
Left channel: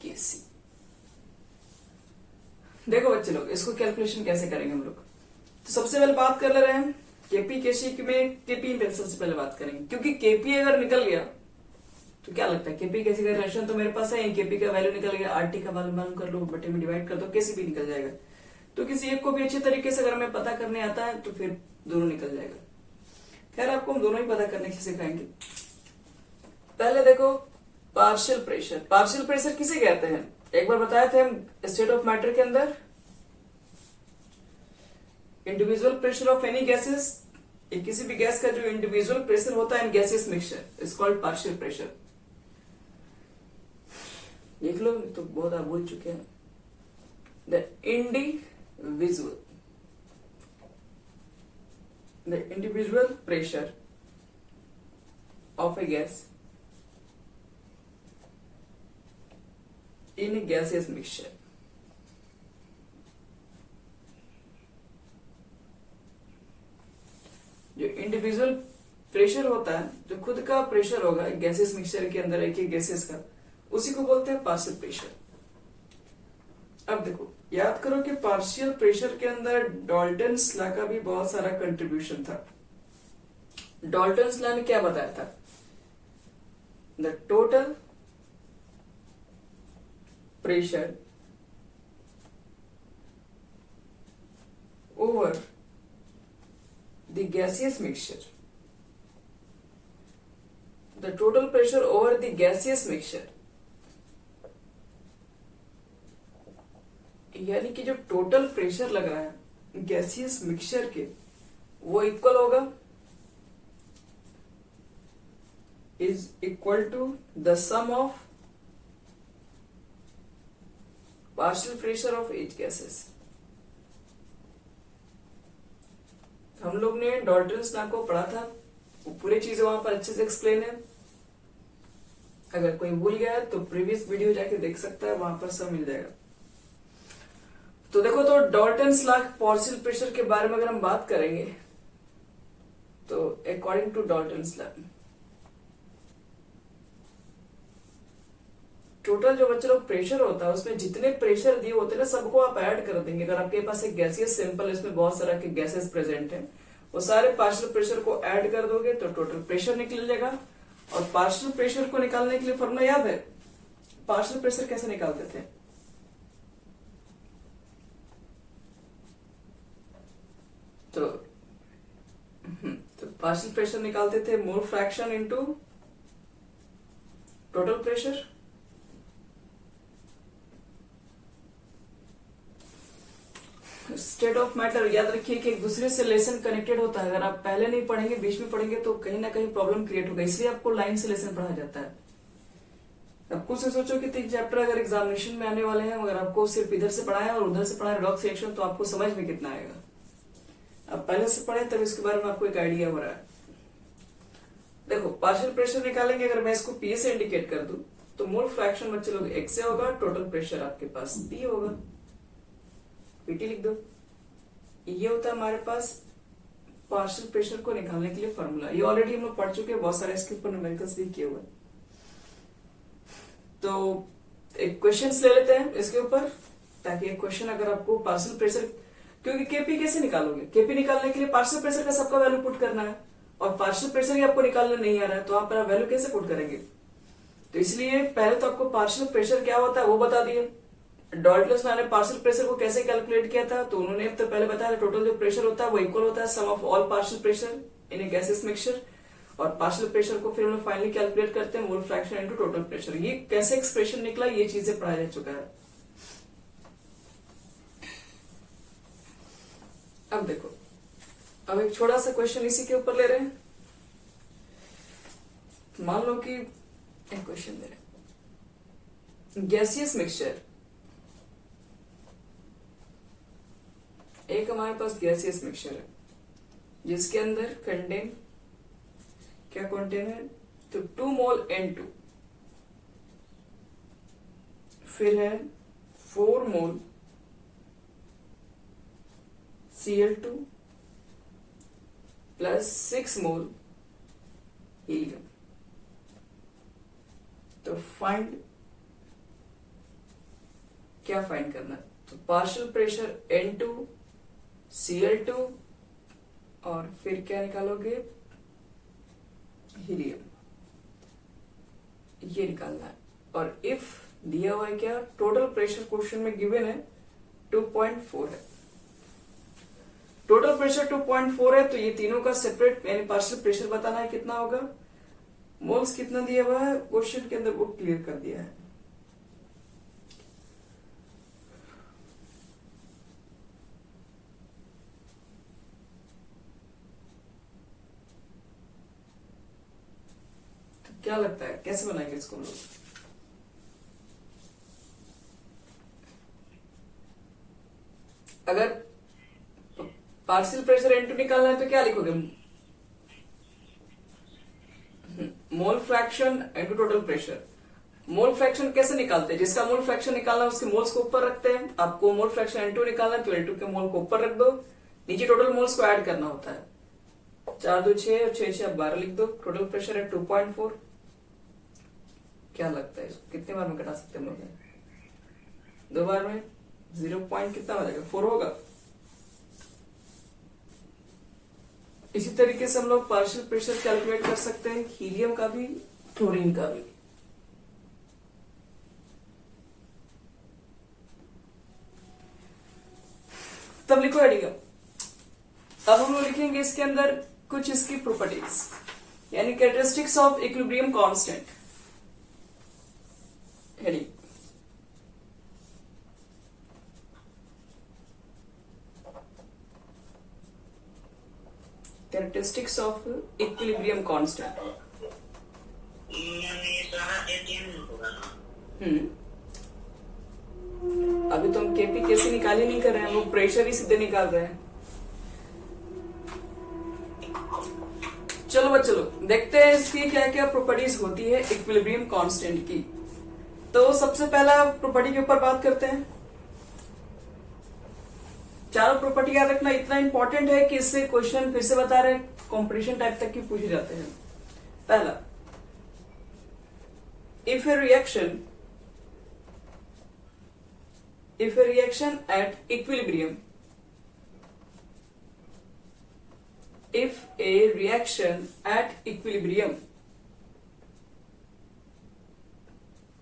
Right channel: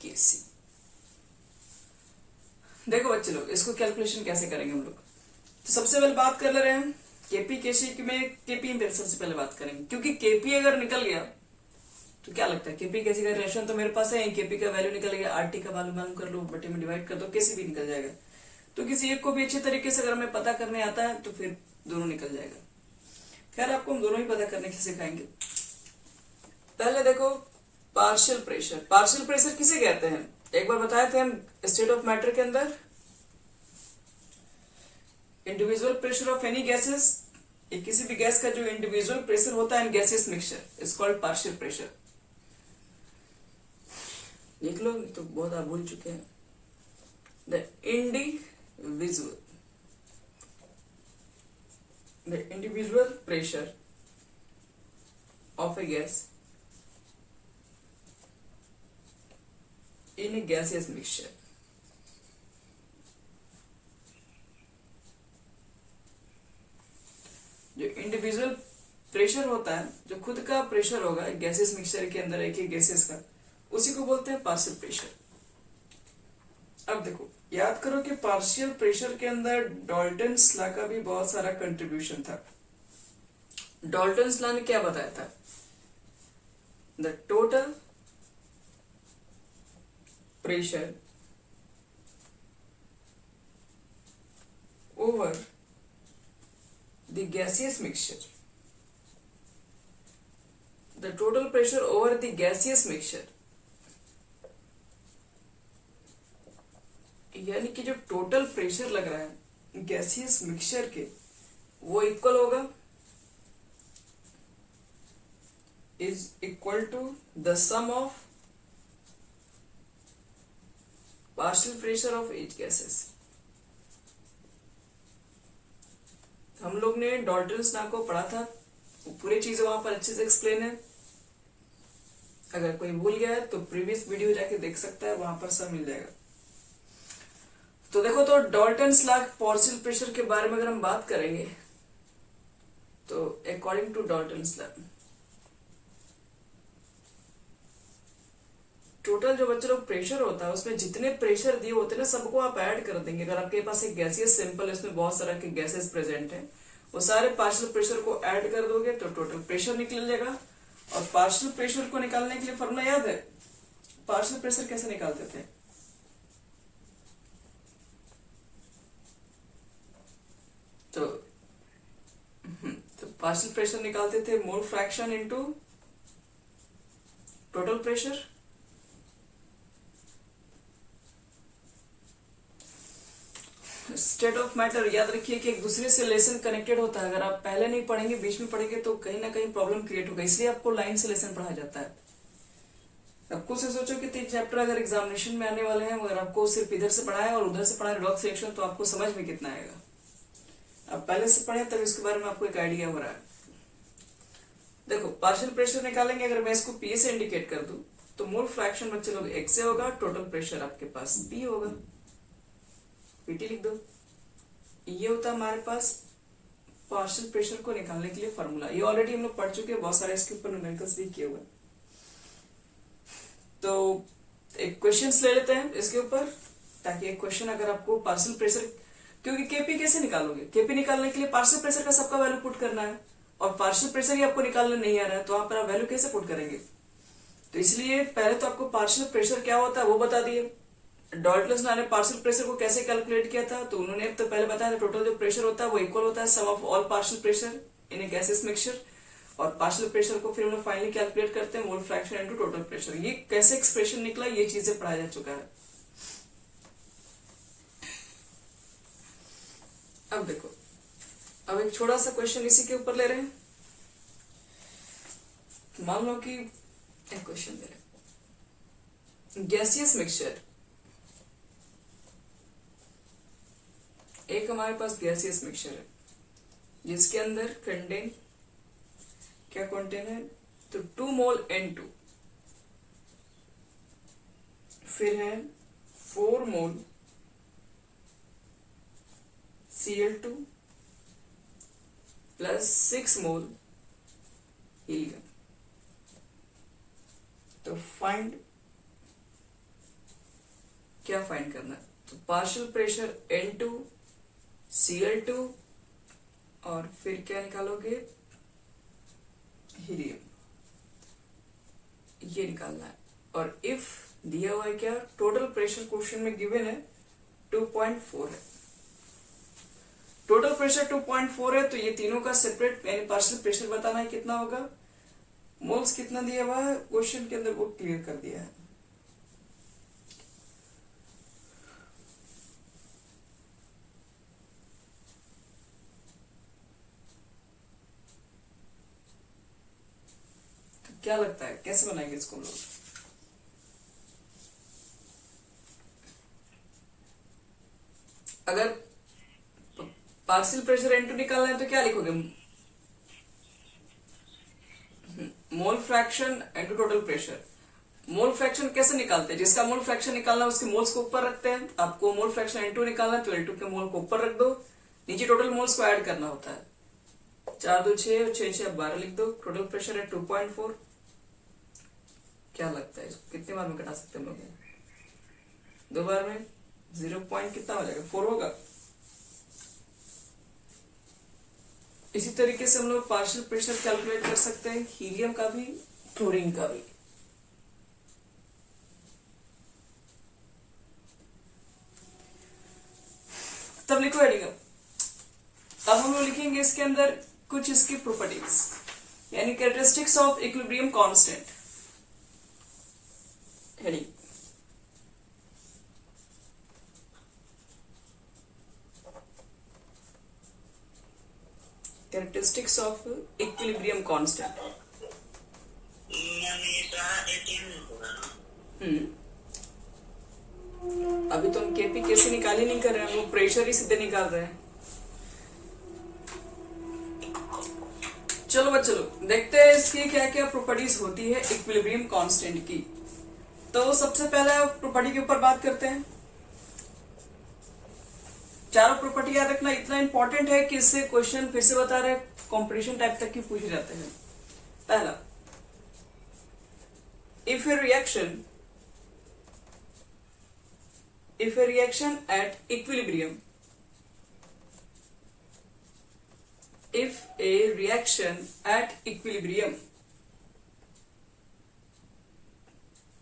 KC. देखो बच्चे लोग इसको कैलकुलेशन कैसे करेंगे हम लोग, तो सबसे पहले बात कर ले रहे हैं केपी केसी में। केपी सबसे पहले बात करेंगे क्योंकि केपी अगर निकल गया तो क्या लगता है, केपी केसी का रिलेशन तो मेरे पास है, केपी का वैल्यू निकल गया, आरटी का वैल्यू मालूम कर लो, बटे में डिवाइड कर दो, केसी भी निकल जाएगा। तो किसी एक को भी अच्छे तरीके से अगर हमें पता करने आता है तो फिर दोनों निकल जाएगा। खैर आपको हम दोनों ही पता करने की सिखाएंगे। पहले देखो पार्शियल प्रेशर। पार्शियल प्रेशर किसे कहते हैं, एक बार बताए थे हम स्टेट ऑफ मैटर के अंदर, individual pressure of any gases, किसी भी गैस का जो इंडिविजुअल प्रेशर होता है in gaseous mixture is called partial pressure. देख लो तो बहुत आप भूल चुके हैं। The individual pressure of A gas in a gaseous mixture। जो इंडिविजुअल प्रेशर होता है, जो खुद का प्रेशर होगा गैसेस मिक्सचर के अंदर एक ही गैसेस का, उसी को बोलते हैं पार्शियल प्रेशर। अब देखो याद करो कि पार्शियल प्रेशर के अंदर डॉल्टन्स लॉ का भी बहुत सारा कंट्रीब्यूशन था। डॉल्टन्स लॉ ने क्या बताया था, the total pressure over the gaseous mixture, the total pressure over the gaseous mixture, यानी कि जो टोटल प्रेशर लग रहा है गैसियस मिक्सचर के वो इक्वल होगा, is equal to the sum of partial pressure of each gases. हम लोग ने डॉल्टन्स लॉ को पढ़ा था, वो पूरी चीजें वहां पर अच्छे से एक्सप्लेन है। अगर कोई भूल गया है तो प्रीवियस वीडियो जाके देख सकता है, वहां पर सब मिल जाएगा। तो देखो तो डॉल्टन्स लॉ पार्शियल प्रेशर के बारे में अगर हम बात करेंगे तो according to Dalton's law total जो बच्चे लोग प्रेशर होता है उसमें जितने प्रेशर दिए होते हैं ना सबको आप ऐड कर देंगे। अगर आपके पास एक गैसियस सैंपल है इसमें बहुत सारा के गैसेस प्रेजेंट है, वो सारे पार्शियल प्रेशर को ऐड कर दोगे तो टोटल प्रेशर निकल जाएगा। और पार्शियल प्रेशर को निकालने के लिए फॉर्मूला याद है, पार्शियल प्रेशर कैसे निकालते थे, तो पार्शियल प्रेशर निकालते थे मोल fraction into total pressure. State of matter याद रखिए कि एक दूसरे से लेसन कनेक्टेड होता है। अगर आप पहले नहीं पढ़ेंगे, बीच में पढ़ेंगे तो कहीं ना कहीं प्रॉब्लम क्रिएट होगा, इसलिए आपको लाइन से लेसन पढ़ाया जाता है। अब कुछ से सोचो कि 3 चैप्टर अगर एग्जामिनेशन में आने वाले हैं, मगर आपको सिर्फ इधर से पढ़ाया और उधर से पढ़ाया डॉग सिलेक्शन, तो आपको समझ में कितना आएगा। अब पहले से पढ़े तब इसके बारे में आपको एक आइडिया हो रहा है। देखो पार्शियल प्रेशर निकालेंगे, अगर मैं इसको पी से इंडिकेट कर दूं तो मोल फ्रैक्शन बच्चे लोग एक्स से होगा, टोटल प्रेशर आपके पास पी होगा, पीटी लिख दो। ये होता है हमारे पास पार्शियल प्रेशर को निकालने के लिए फॉर्मूला। ये ऑलरेडी हम लोग पढ़ चुके हैं, बहुत सारे इसके ऊपर न्यूमेरिकल्स भी किए हुए। तो एक क्वेश्चन ले लेते हैं इसके ऊपर, ताकि एक क्वेश्चन अगर आपको पार्शियल प्रेशर, क्योंकि केपी कैसे निकालोगे, केपी निकालने के लिए पार्शियल प्रेशर का सबका वैल्यू पुट करना है, और पार्शियल प्रेशर ही आपको निकालने नहीं आ रहा है, तो आप वैल्यू कैसे पुट करेंगे। तो इसलिए पहले तो आपको पार्शियल प्रेशर क्या होता है वो बता दिए। डाल्टन ने पार्शियल प्रेशर को कैसे कैलकुलेट किया था, तो उन्होंने तो पहले बताया टोटल जो प्रेशर होता है वो इक्वल होता है sum of all partial pressure in a gaseous mixture, और पार्शियल प्रेशर को फिर हम लोग फाइनली कैलकुलेट करते हैं mole fraction into total pressure. ये कैसे एक्सप्रेशन निकला, ये चीजें पढ़ाया जा चुका है। अब देखो, अब एक छोटा सा क्वेश्चन इसी के ऊपर ले रहे हैं। मान लो कि एक क्वेश्चन ले रहे हैं, गैसियस मिक्सचर, एक हमारे पास गैसियस मिक्सचर है जिसके अंदर कंटेन क्या कंटेन है, तो 2 मोल N2, फिर है 4 मोल Cl2 प्लस 6 मोल हीलियम। तो फाइंड, क्या फाइंड करना है, तो पार्शियल प्रेशर N2, Cl2 और फिर क्या निकालोगे, हीलियम, ये निकालना है। और इफ दिया हुआ है क्या, टोटल प्रेशर क्वेश्चन में गिवन है 2.4 है, टोटल प्रेशर 2.4 है, तो ये तीनों का सेपरेट यानी पार्शियल प्रेशर बताना है कितना होगा। मोल्स कितना दिया हुआ है क्वेश्चन के अंदर वो क्लियर कर दिया है। तो क्या लगता है कैसे बनाएंगे इसको हम लोग। अगर पार्शियल प्रेशर N2 निकालना है तो क्या लिखोगे, मोल fraction into total pressure. Mole fraction कैसे निकालते हैं, जिसका मोल फ्रैक्शन निकालना है उसके मोल्स को ऊपर रखते हैं। आपको मोल फ्रैक्शन N2 निकालना है तो N2 के मोल को ऊपर रख दो, नीचे टोटल मोल्स को ऐड करना होता है। 4 2 6 और 6 6 12 लिख दो। टोटल प्रेशर है 2.4। क्या लगता है इसको कितने बार में घटा सकते हैं हम लोग, 2 बार में 0 पॉइंट कितना हो जाएगा, 4 होगा। इसी तरीके से हम लोग पार्शियल प्रेशर कैलकुलेट कर सकते हैं, हीलियम का भी, क्लोरीन का भी। तब लिखो आइडिया। अब हम लोग लिखेंगे इसके अंदर कुछ इसकी प्रॉपर्टीज, यानी characteristics of equilibrium constant. Heading, characteristics of equilibrium constant. अभी तो हम केपी कैसे निकाल ही नहीं कर रहे हैं, वो प्रेशर ही सीधे निकाल रहे हैं। चलो बच्चों लोग देखते हैं इसकी क्या क्या प्रॉपर्टीज होती है इक्विलिब्रियम कांस्टेंट की। तो सबसे पहला प्रॉपर्टी के ऊपर बात करते हैं। चारों प्रॉपर्टी याद रखना, इतना इंपॉर्टेंट है कि इससे क्वेश्चन फिर से बता रहे कंपटीशन टाइप तक की पूछे जाते हैं। पहला, if A reaction at equilibrium, if a reaction at equilibrium,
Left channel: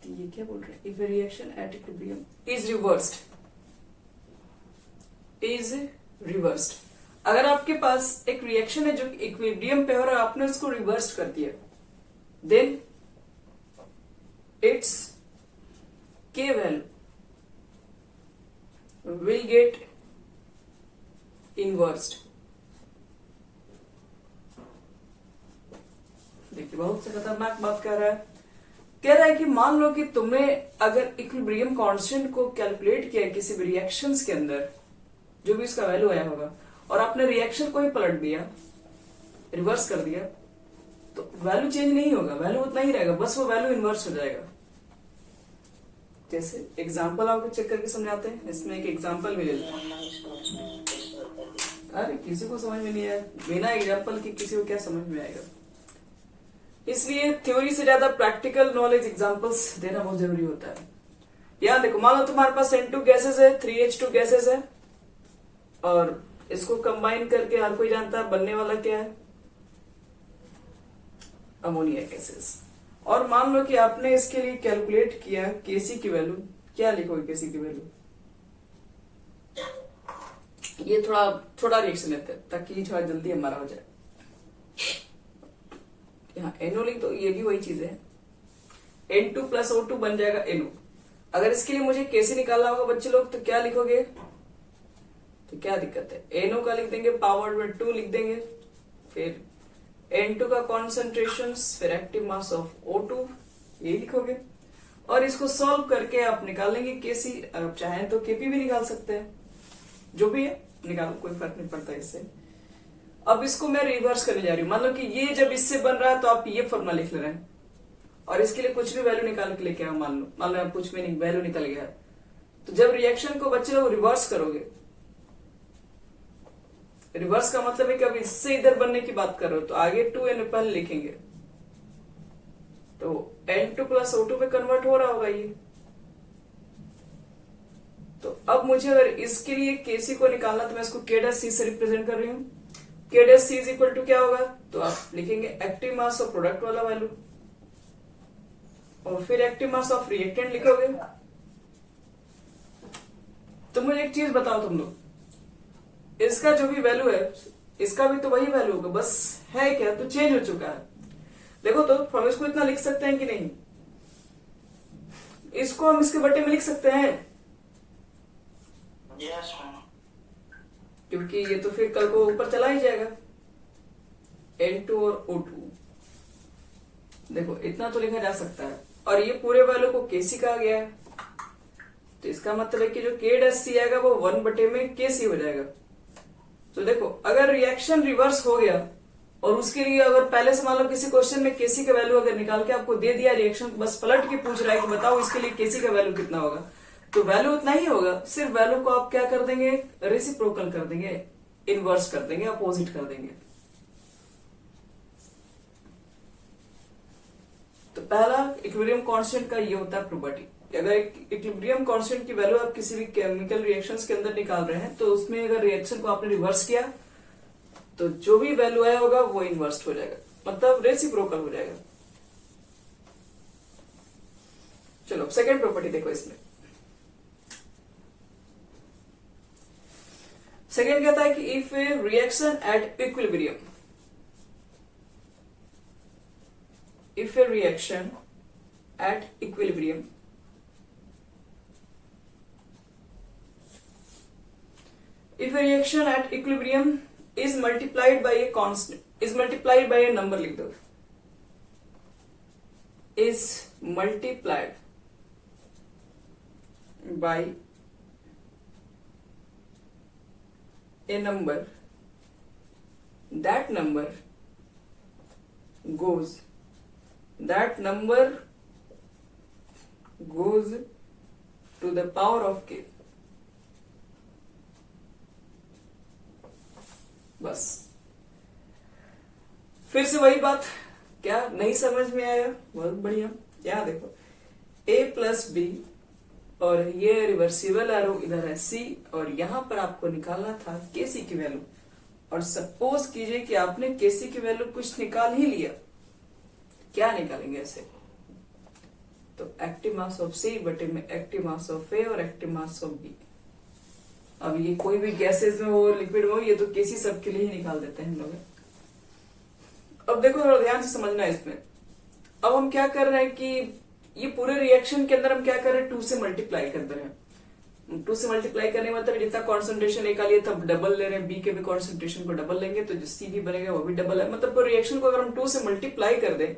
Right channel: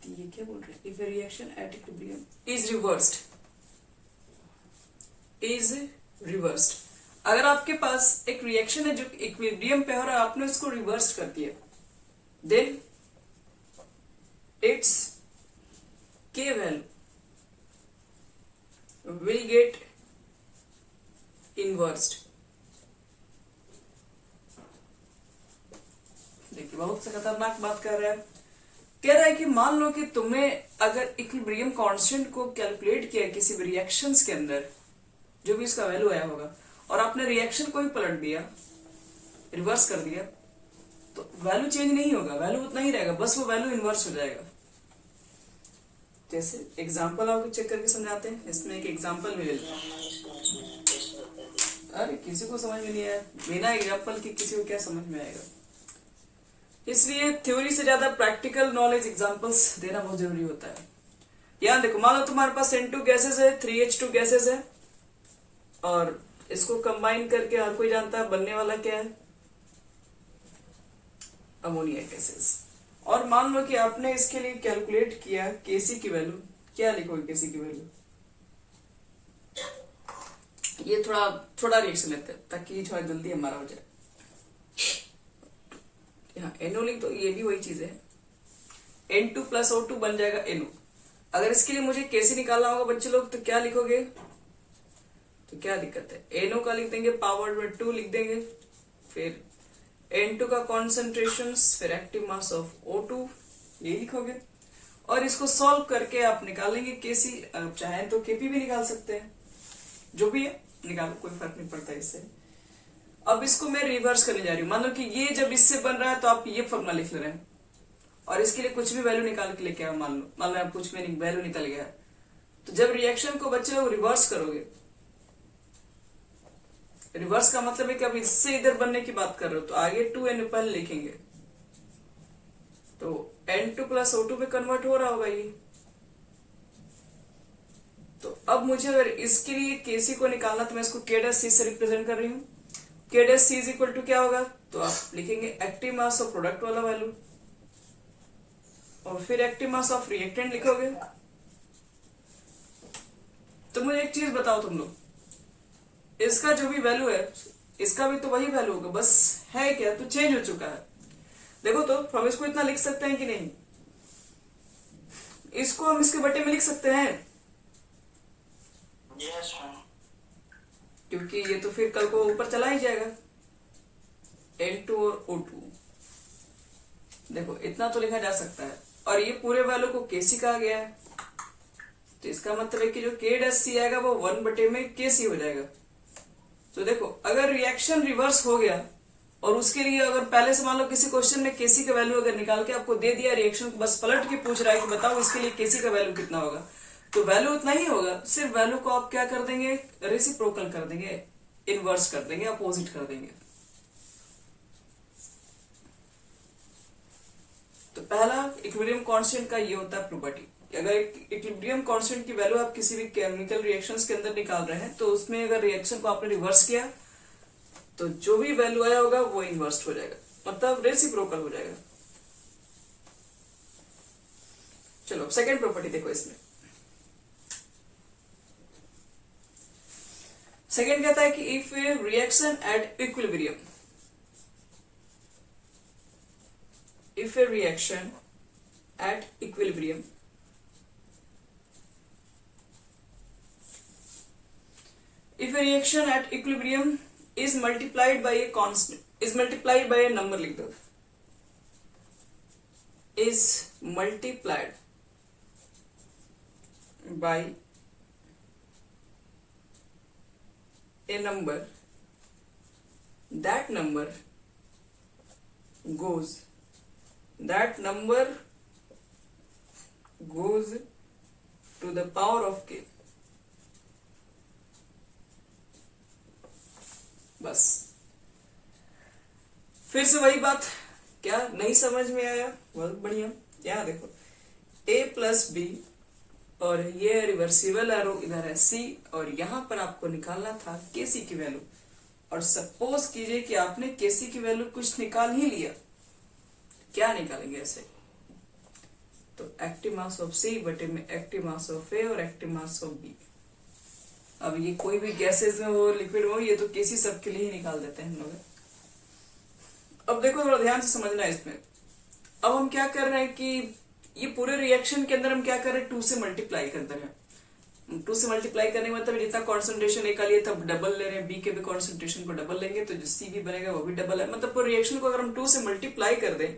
ये क्या बोल रहे हैं, if a reaction at equilibrium is reversed, अगर आपके पास एक रिएक्शन है जो इक्विलिब्रियम पे हो रहा है, आपने उसको रिवर्स कर दिया, then its K value will get इनवर्स्ड। देखिए बहुत से खतरनाक बात कह रहा है कि मान लो कि तुमने अगर इक्विलिब्रियम कांस्टेंट को कैलकुलेट किया किसी भी रिएक्शंस के अंदर, जो भी इसका वैल्यू आया होगा, और आपने रिएक्शन को ही पलट दिया, रिवर्स कर दिया, तो वैल्यू चेंज नहीं होगा, वैल्यू उतना ही रहेगा, बस वो वैल्यू इनवर्स हो जाएगा। जैसे एग्जांपल आपको चेक करके समझाते हैं। इसमें एक एग्जांपल भी ले लो। अरे किसी को समझ में नहीं आया, बिना एग्जांपल के किसी को क्या समझ में आएगा। इसलिए थ्योरी से ज्यादा प्रैक्टिकल नॉलेज एग्जांपल्स देना बहुत जरूरी होता है। यहाँ देखो, मान लो तुम्हारे पास N2 गैसेस है, 3H2 गैसेस है, और इसको कंबाइन करके हर कोई जानता है बनने वाला क्या है, अमोनिया गैसेस। और मान लो कि आपने इसके लिए कैलकुलेट किया केसी की वैल्यू, क्या लिखोगे केसी की वैल्यू? ये थोड़ा रिएक्शन लेते हैं ताकि थोड़ा जल्दी हमारा हो जाए। यहाँ NO लिख दो, ये भी वही चीज है, N2 प्लस O2 बन जाएगा NO। अगर इसके लिए मुझे केसी निकालना होगा बच्चे लोग, तो क्या लिखोगे? तो क्या दिक्कत है, NO का लिख देंगे, पावर में 2 लिख देंगे, फिर N2 का कॉन्सेंट्रेशन, फिर एक्टिव मास ऑफ O2, ये लिखोगे। और इसको सॉल्व करके आप निकालेंगे केसी। अगर चाहें तो केपी भी निकाल सकते हैं, जो भी है निकालो, कोई फर्क नहीं पड़ता इससे। अब इसको मैं रिवर्स करने जा रही हूँ। मान लो कि ये जब इससे बन रहा है तो आप ये फॉर्मूला लिख ले रहे हैं, और इसके लिए कुछ भी वैल्यू निकाल के लेके आओ। मान लो आप कुछ भी वैल्यू निकल गया, तो जब रिएक्शन को बच्चे लोग रिवर्स करोगे, रिवर्स का मतलब है कि अब इससे इधर बनने की बात कर रहे हो, तो आगे 2N पहले लिखेंगे, तो N2 प्लस O2 पे कन्वर्ट हो रहा होगा ये। तो अब मुझे अगर इसके लिए केसी को निकालना, तो मैं इसको K'(C) से रिप्रेजेंट कर रही हूँ। K'(C) इज इक्वल टू क्या होगा, तो आप लिखेंगे एक्टिव मास ऑफ प्रोडक्ट वाला वैल्यू, और फिर एक्टिव मास ऑफ रिएक्टेंट लिखोगे। तो मुझे एक चीज बताओ तुम लोग, इसका जो भी वैल्यू है, इसका भी तो वही वैल्यू होगा, बस है क्या, तो चेंज हो चुका है। देखो तो हम इसको इतना लिख सकते हैं कि नहीं? इसको हम इसके बटे में लिख सकते हैं। yes, क्योंकि ये तो फिर कल को ऊपर चला ही जाएगा, N2 और O2। देखो इतना तो लिखा जा सकता है, और ये पूरे वैल्यू को केसी कहा गया है, तो इसका मतलब है कि जो K'(C) आएगा वो 1 बटे में केसी हो जाएगा। तो देखो अगर रिएक्शन रिवर्स हो गया, और उसके लिए अगर पहले से मान लो किसी क्वेश्चन में केसी का वैल्यू अगर निकाल के आपको दे दिया, रिएक्शन को बस पलट के पूछ रहा है कि बताओ इसके लिए केसी का वैल्यू कितना होगा, तो वैल्यू उतना ही होगा। सिर्फ वैल्यू को आप क्या कर देंगे, रेसिप्रोकल कर देंगे, इनवर्स कर देंगे, अपोजिट कर देंगे। तो पहला इक्विलिब्रियम कांस्टेंट का ये होता है प्रॉपर्टी। अगर इक्विलिब्रियम कांस्टेंट की वैल्यू आप किसी भी केमिकल रिएक्शंस के अंदर निकाल रहे हैं, तो उसमें अगर रिएक्शन को आपने रिवर्स किया, तो जो भी वैल्यू आया होगा वो इनवर्स हो जाएगा, मतलब रेसिप्रोकल हो जाएगा। चलो अब सेकेंड प्रॉपर्टी देखो। इसमें सेकेंड कहता है कि if A reaction at equilibrium, if a reaction at equilibrium is multiplied by a constant, is multiplied by a number, लिख दो, is multiplied by a number, that number goes to the power of k। बस फिर से वही बात, क्या नहीं समझ में आया? बहुत बढ़िया। यहाँ देखो a प्लस बी, और ये रिवर्सिबल एरो इधर है c, और यहां पर आपको निकालना था केसी की वैल्यू। और सपोज कीजिए कि आपने केसी की वैल्यू कुछ निकाल ही लिया, क्या निकालेंगे ऐसे? तो एक्टिव मास ऑफ सी बटे में एक्टिव मास ऑफ ए और एक्टिव मास ऑफ बी। अब ये कोई भी गैसेज में हो, लिक्विड में हो, ये तो केसी सबके लिए ही निकाल देते हैं हम लोग। अब देखो थोड़ा ध्यान से समझना है इसमें। अब हम क्या कर रहे हैं कि ये पूरे रिएक्शन के अंदर हम क्या कर रहे हैं, 2 से मल्टीप्लाई कर रहे हैं। 2 से मल्टीप्लाई करने मतलब जितना कॉन्सेंट्रेशन ए का लिए तब डबल ले रहे हैं, बी के भी कॉन्सेंट्रेशन को डबल लेंगे तो जो सी भी बनेगा वो भी डबल है। मतलब रिएक्शन को अगर हम 2 से मल्टीप्लाई कर दें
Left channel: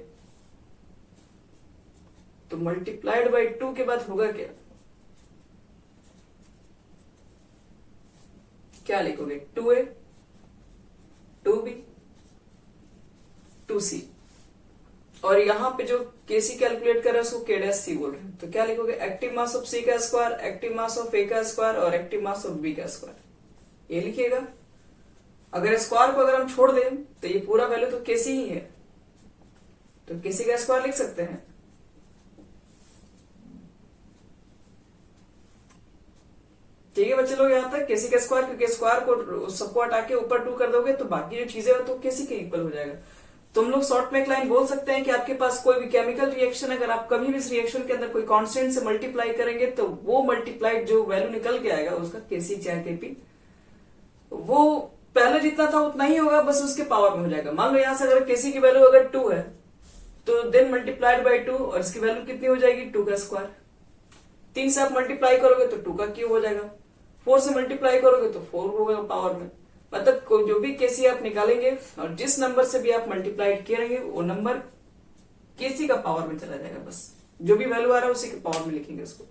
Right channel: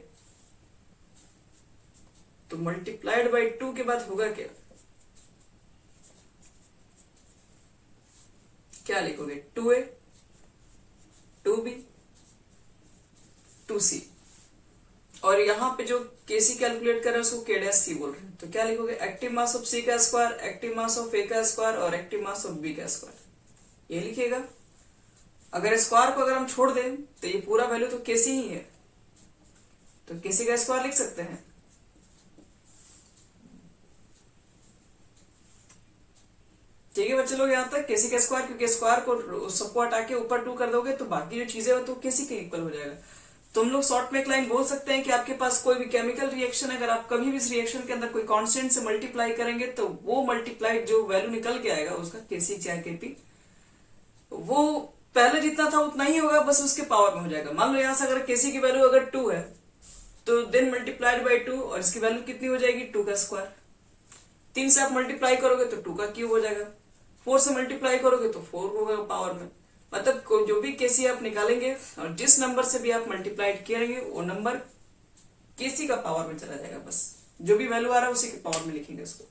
तो मल्टीप्लाइड बाई 2 के बाद होगा क्या, क्या लिखोगे, 2a 2b 2c, और यहां पे जो केसी कैलकुलेट कर रहे हैं उसको के डैश सी बोल रहे हैं, तो क्या लिखोगे, एक्टिव मास ऑफ सी का स्क्वायर, एक्टिव मास ऑफ ए का स्क्वायर और एक्टिव मास ऑफ बी का स्क्वायर, ये लिखिएगा। अगर स्क्वायर को अगर हम छोड़ दें तो ये पूरा वैल्यू तो केसी ही है, तो केसी का स्क्वायर लिख सकते हैं। ठीक है बच्चे लोग, यहां तक केसी का स्क्वायर, क्योंकि स्क्वायर को सबको हटा के ऊपर 2 कर दोगे तो बाकी जो चीजें हो तो केसी के इक्वल हो जाएगा। तुम लोग शॉर्ट में एक लाइन बोल सकते हैं कि आपके पास कोई भी केमिकल रिएक्शन, अगर आप कभी भी इस रिएक्शन के अंदर कोई कांस्टेंट से मल्टीप्लाई करेंगे तो वो मल्टीप्लाइड जो वैल्यू निकल के आएगा उसका केसी चाहे केपी, वो पहले जितना था उतना ही होगा, बस उसके पावर में हो जाएगा। मान लो यहां से अगर केसी की वैल्यू अगर 2 है तो देन मल्टीप्लाइड बाई 2, और इसकी वैल्यू कितनी हो जाएगी, 2 का स्क्वायर। 3 से आप मल्टीप्लाई करोगे तो 2 का क्यूब हो जाएगा, 4 से मल्टीप्लाई करोगे तो 4 होगा पावर में। मतलब जो भी केसी आप निकालेंगे और जिस नंबर से भी आप मल्टीप्लाइड करेंगे वो नंबर केसी का पावर में चला जाएगा, बस जो भी वैल्यू आ रहा है उसी के पावर में लिखेंगे उसको।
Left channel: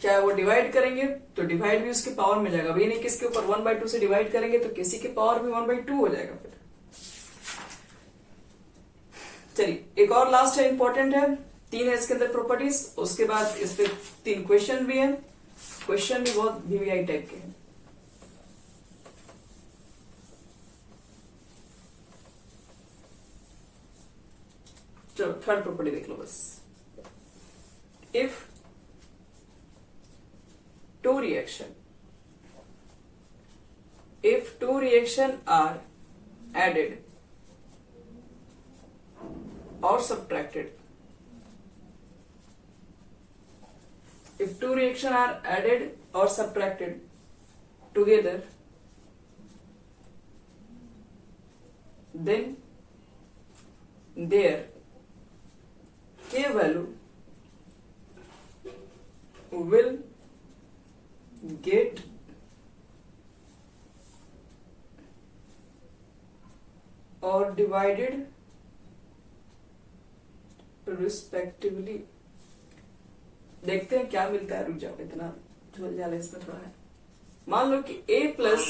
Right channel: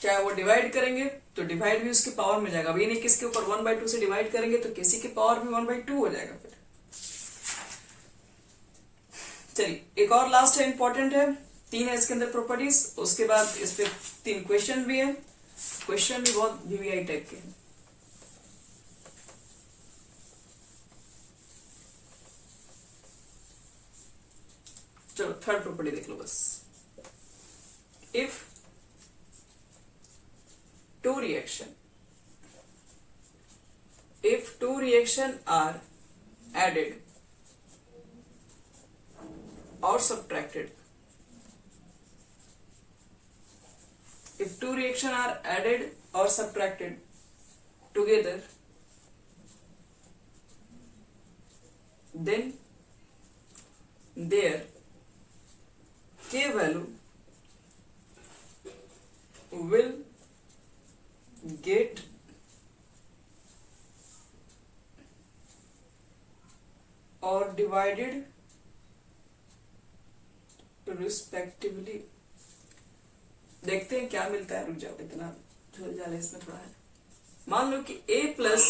चाहे वो डिवाइड करेंगे तो डिवाइड भी उसके पावर में जाएगा, अभी नहीं किसके ऊपर 1/2 से डिवाइड करेंगे तो केसी के पावर में 1/2 हो जाएगा। फिर चलिए एक और लास्ट है, इंपॉर्टेंट है, 3 है इसके अंदर प्रॉपर्टीज, उसके बाद इस पे 3 क्वेश्चन भी है, क्वेश्चन भी बहुत वीवीआई टाइप के हैं। चलो थर्ड प्रॉपर्टी देख लो बस। If two reaction are added or subtracted, if two reactions are added or subtracted together, then their K value will get or divided respectively। देखते हैं क्या मिलता है, रुक जाओ, इतना झोल झाल इसमें थोड़ा है। मान लो कि a प्लस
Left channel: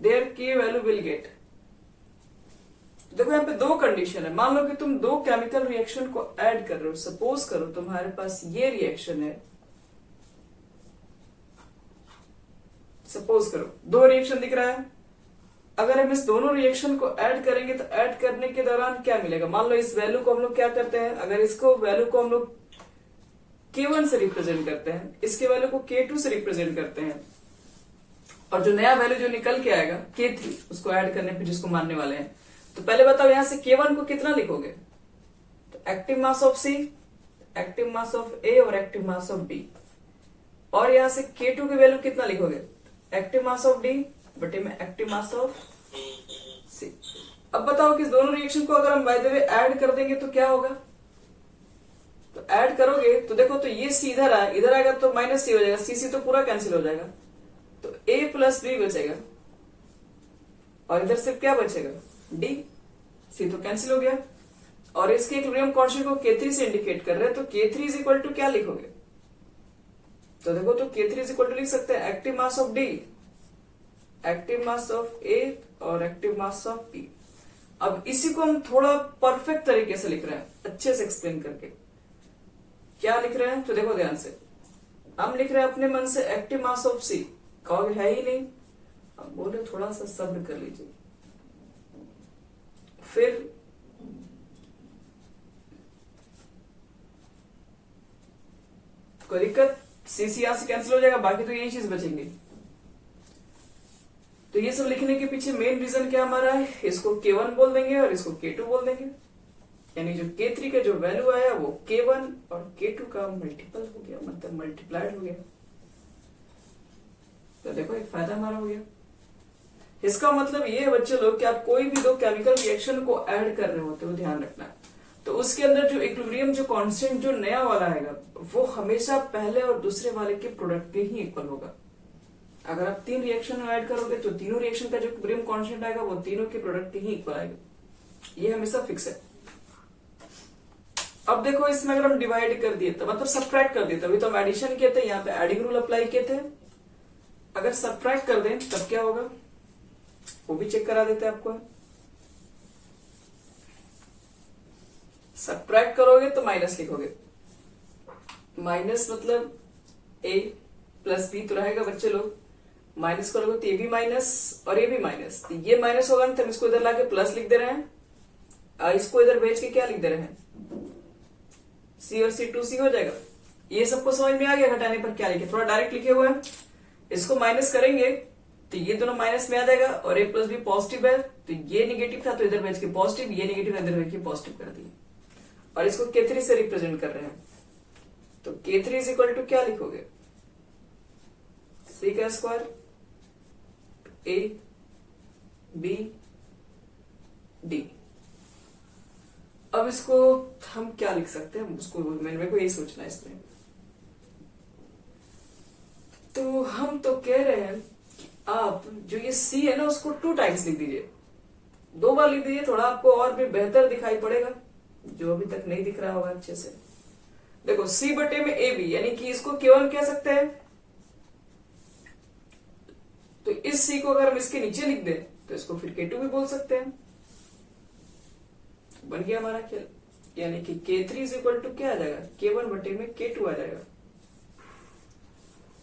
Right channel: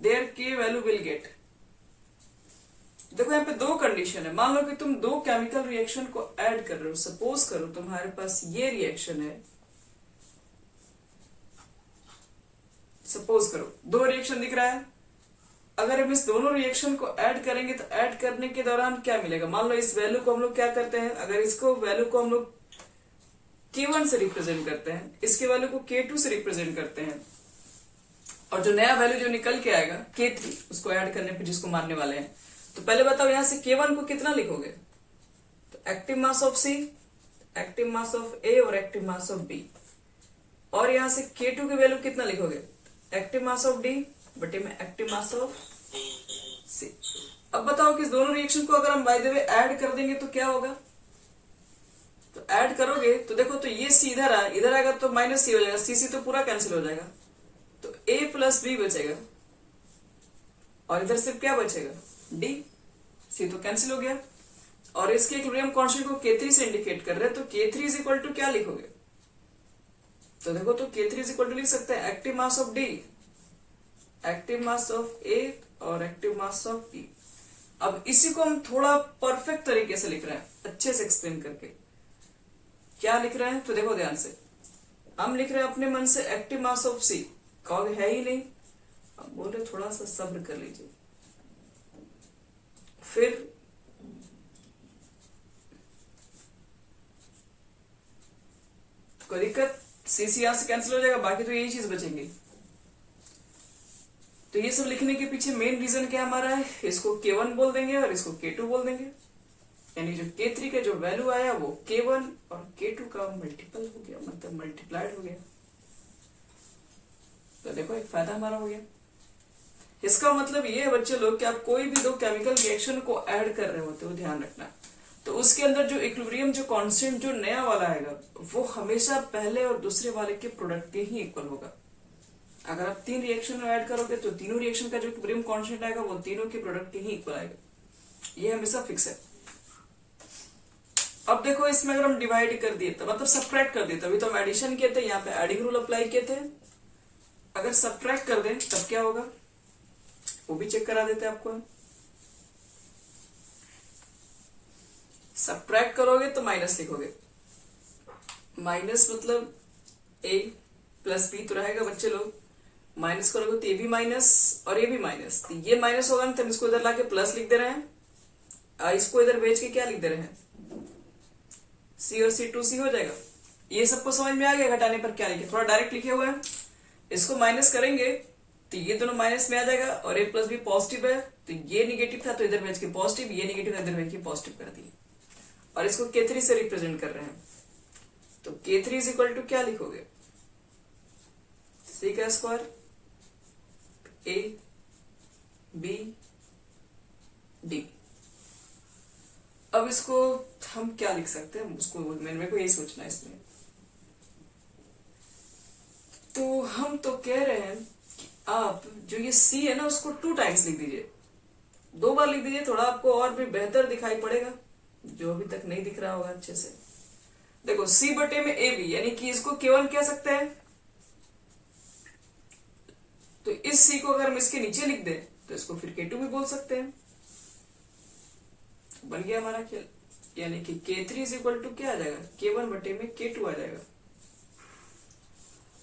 देयर के वैल्यू विल गेट, देखो यहाँ पे 2 कंडीशन है। मान लो कि तुम 2 केमिकल रिएक्शन को ऐड कर रहे हो, सपोज करो तुम्हारे पास ये रिएक्शन है, सपोज करो 2 रिएक्शन दिख रहा है, अगर हम इस दोनों रिएक्शन को ऐड करेंगे तो ऐड करने के दौरान क्या मिलेगा, मान लो इस वैल्यू को हम लोग क्या करते हैं, अगर इसको वैल्यू को हम लोग K1 से रिप्रेजेंट करते हैं, इसके वैल्यू को K2 से रिप्रेजेंट करते हैं, और जो नया वैल्यू जो निकल के आएगा K3 उसको ऐड करने पे जिसको मानने वाले हैं, तो पहले बताओ यहां से K1 को कितना लिखोगे, तो active mass of C, active mass of A और एक्टिव मास ऑफ B, और यहां से K2 की वैल्यू कितना लिखोगे, एक्टिव मास ऑफ D बटे में एक्टिव मास ऑफ C। अब बताओ कि इस दोनों रिएक्शन को अगर हम बाय द वे ऐड कर देंगे तो क्या होगा, तो ऐड करोगे तो देखो, तो ये C इधर आए, इधर आएगा तो माइनस C हो जाएगा, C तो पूरा कैंसिल हो जाएगा, तो A प्लस B बचेगा, और इधर सिर्फ क्या बचेगा, D, C तो कैंसिल हो गया, और इसके इक्विलिब्रियम कांस्टेंट को K3 से इंडिकेट कर रहे हैं, तो K3 इज इक्वल टू क्या लिखोगे, तो देखो तो K3 इज इक्वल टू लिख सकते हैं active mass of D, active mass of A और एक्टिव मास ऑफ B। अब इसी को हम थोड़ा परफेक्ट तरीके से लिख रहे हैं, अच्छे से एक्सप्लेन करके। क्या लिख रहे हैं, तो देखो ध्यान से, हम लिख रहे हैं अपने मन से एक्टिव मास ऑफ C, कहोगे है ही नहीं, अब बोले थोड़ा सा सब्र कर लीजिए, फिर कोई दिक्कत, C यहां से कैंसिल हो जाएगा, बाकी तो यही चीज बचेंगे। तो ये सब लिखने के पीछे मेन रीजन क्या हमारा है, इसको K1 बोल देंगे और इसको K2 बोल देंगे, यानी जो K3 का जो वैल्यू आया वो K1 और K2 का मल्टीपल हो गया, मतलब मल्टीप्लाइड हो गया। तो देखो एक फायदा हमारा हो गया। इसका मतलब ये है बच्चे लोग कि आप कोई भी 2 केमिकल रिएक्शन को ऐड कर रहे होते हो, ध्यान रखना, तो उसके अंदर जो इक्विलिब्रियम जो कांस्टेंट जो नया वाला आएगा वो हमेशा पहले और दूसरे वाले के प्रोडक्ट के ही इक्वल होगा। अगर आप 3 रिएक्शन ऐड करोगे तो तीनों रिएक्शन का जो इक्विलिब्रियम कांस्टेंट आएगा वो तीनों के प्रोडक्ट के ही इक्वल आएगा। ये हमेशा फिक्स है। अब देखो इसमें अगर हम डिवाइड कर दिए तो मतलब सब्ट्रैक्ट कर दिए, तभी तो हम एडिशन किए थे, यहाँ पे एडिंग रूल अप्लाई किए थे। अगर सब्ट्रैक्ट कर दें तब क्या होगा वो भी चेक करा देते हैं आपको। सब्ट्रैक्ट करोगे तो माइनस लिखोगे, माइनस मतलब ए प्लस बी तो रहेगा बच्चे लोग, माइनस करोगे तो ये भी माइनस और ये भी माइनस, तो ये माइनस होगा तो हम इसको इधर लाके प्लस लिख दे रहे हैं, इसको इधर भेज के क्या लिख दे रहे हैं सी और सी 2C हो जाएगा। ये सबको समझ में आ गया घटाने पर क्या लिखे, थोड़ा डायरेक्ट लिखे हुए हैं। इसको माइनस करेंगे तो ये दोनों माइनस में आ जाएगा और ए प्लस बी पॉजिटिव है, तो ये निगेटिव था तो इधर भेज के पॉजिटिव, ये निगेटिव था इधर भेज के पॉजिटिव कर दिए और इसको K3 से रिप्रेजेंट कर रहे हैं। तो K3 इज इक्वल टू क्या लिखोगे C का स्क्वायर A B D। अब इसको हम क्या लिख सकते हैं, उसको मेरे को यही सोचना है इसमें। तो हम तो कह रहे हैं कि आप जो ये C है ना उसको 2 टाइम्स लिख दीजिए, 2 बार लिख दीजिए, थोड़ा आपको और भी बेहतर दिखाई पड़ेगा जो अभी तक नहीं दिख रहा होगा अच्छे से। देखो C बटे में AB यानी कि इसको केवल कह सकते हैं, तो इस C को अगर हम इसके नीचे लिख दें तो इसको फिर K2 भी बोल सकते हैं। बन गया हमारा खेल, यानी कि K3 इज इक्वल टू क्या आ जाएगा K1 बटे में K2 आ जाएगा।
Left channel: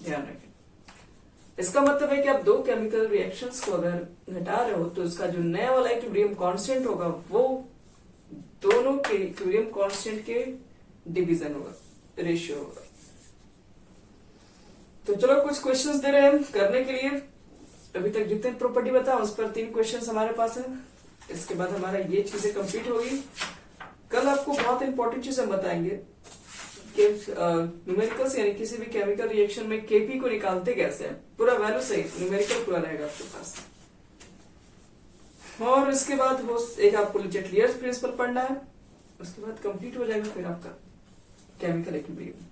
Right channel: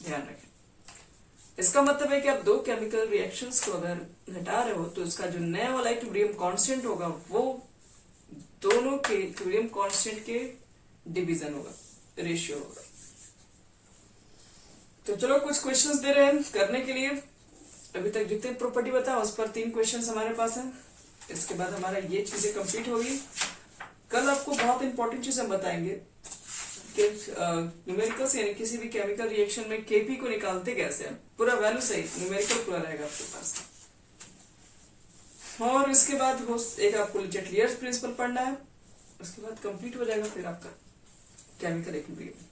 ध्यान रखें, इसका मतलब है कि आप 2 केमिकल रिएक्शंस को अगर घटा रहे हो तो उसका जो नया वाला इक्विलिब्रियम कांस्टेंट होगा वो दोनों के इक्विलिब्रियम कांस्टेंट के डिवीजन होगा, रेशियो होगा। तो चलो कुछ क्वेश्चंस दे रहे हैं करने के लिए। अभी तक जितने प्रॉपर्टी बताया उस पर 3 क्वेश्चंस हमारे पास हैं। इसके बाद हमारा ये चीजें कंप्लीट होगी। कल आपको बहुत इंपॉर्टेंट चीज हम बताएंगे कि न्यूमेरिकल्स यानी किसी भी केमिकल रिएक्शन में केपी को निकालते कैसे हैं, पूरा वैल्यू सहित न्यूमेरिकल पूरा रहेगा आपके पास। और उसके बाद एक आपको लेटलियर्स प्रिंसिपल पढ़ना है, उसके बाद कंप्लीट हो जाएगा फिर आपका केमिकल इक्विलिब्रियम।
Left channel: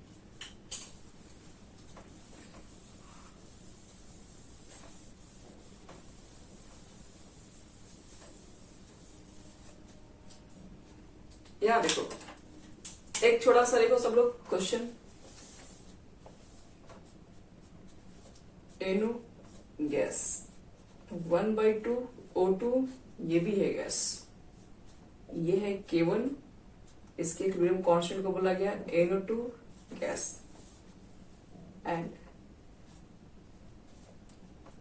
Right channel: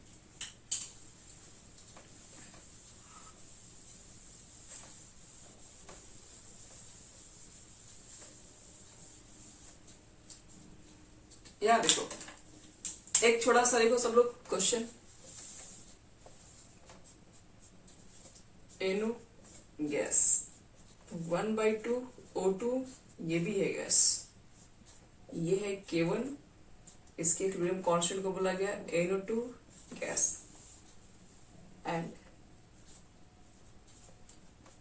यहाँ देखो एक छोटा सा देखो सब लोग क्वेश्चन, NO गैस 1/2 O2 ये भी है गैस, ये है K1, इसके इक्विलिब्रियम कांस्टेंट को बोला गया NO2 gas and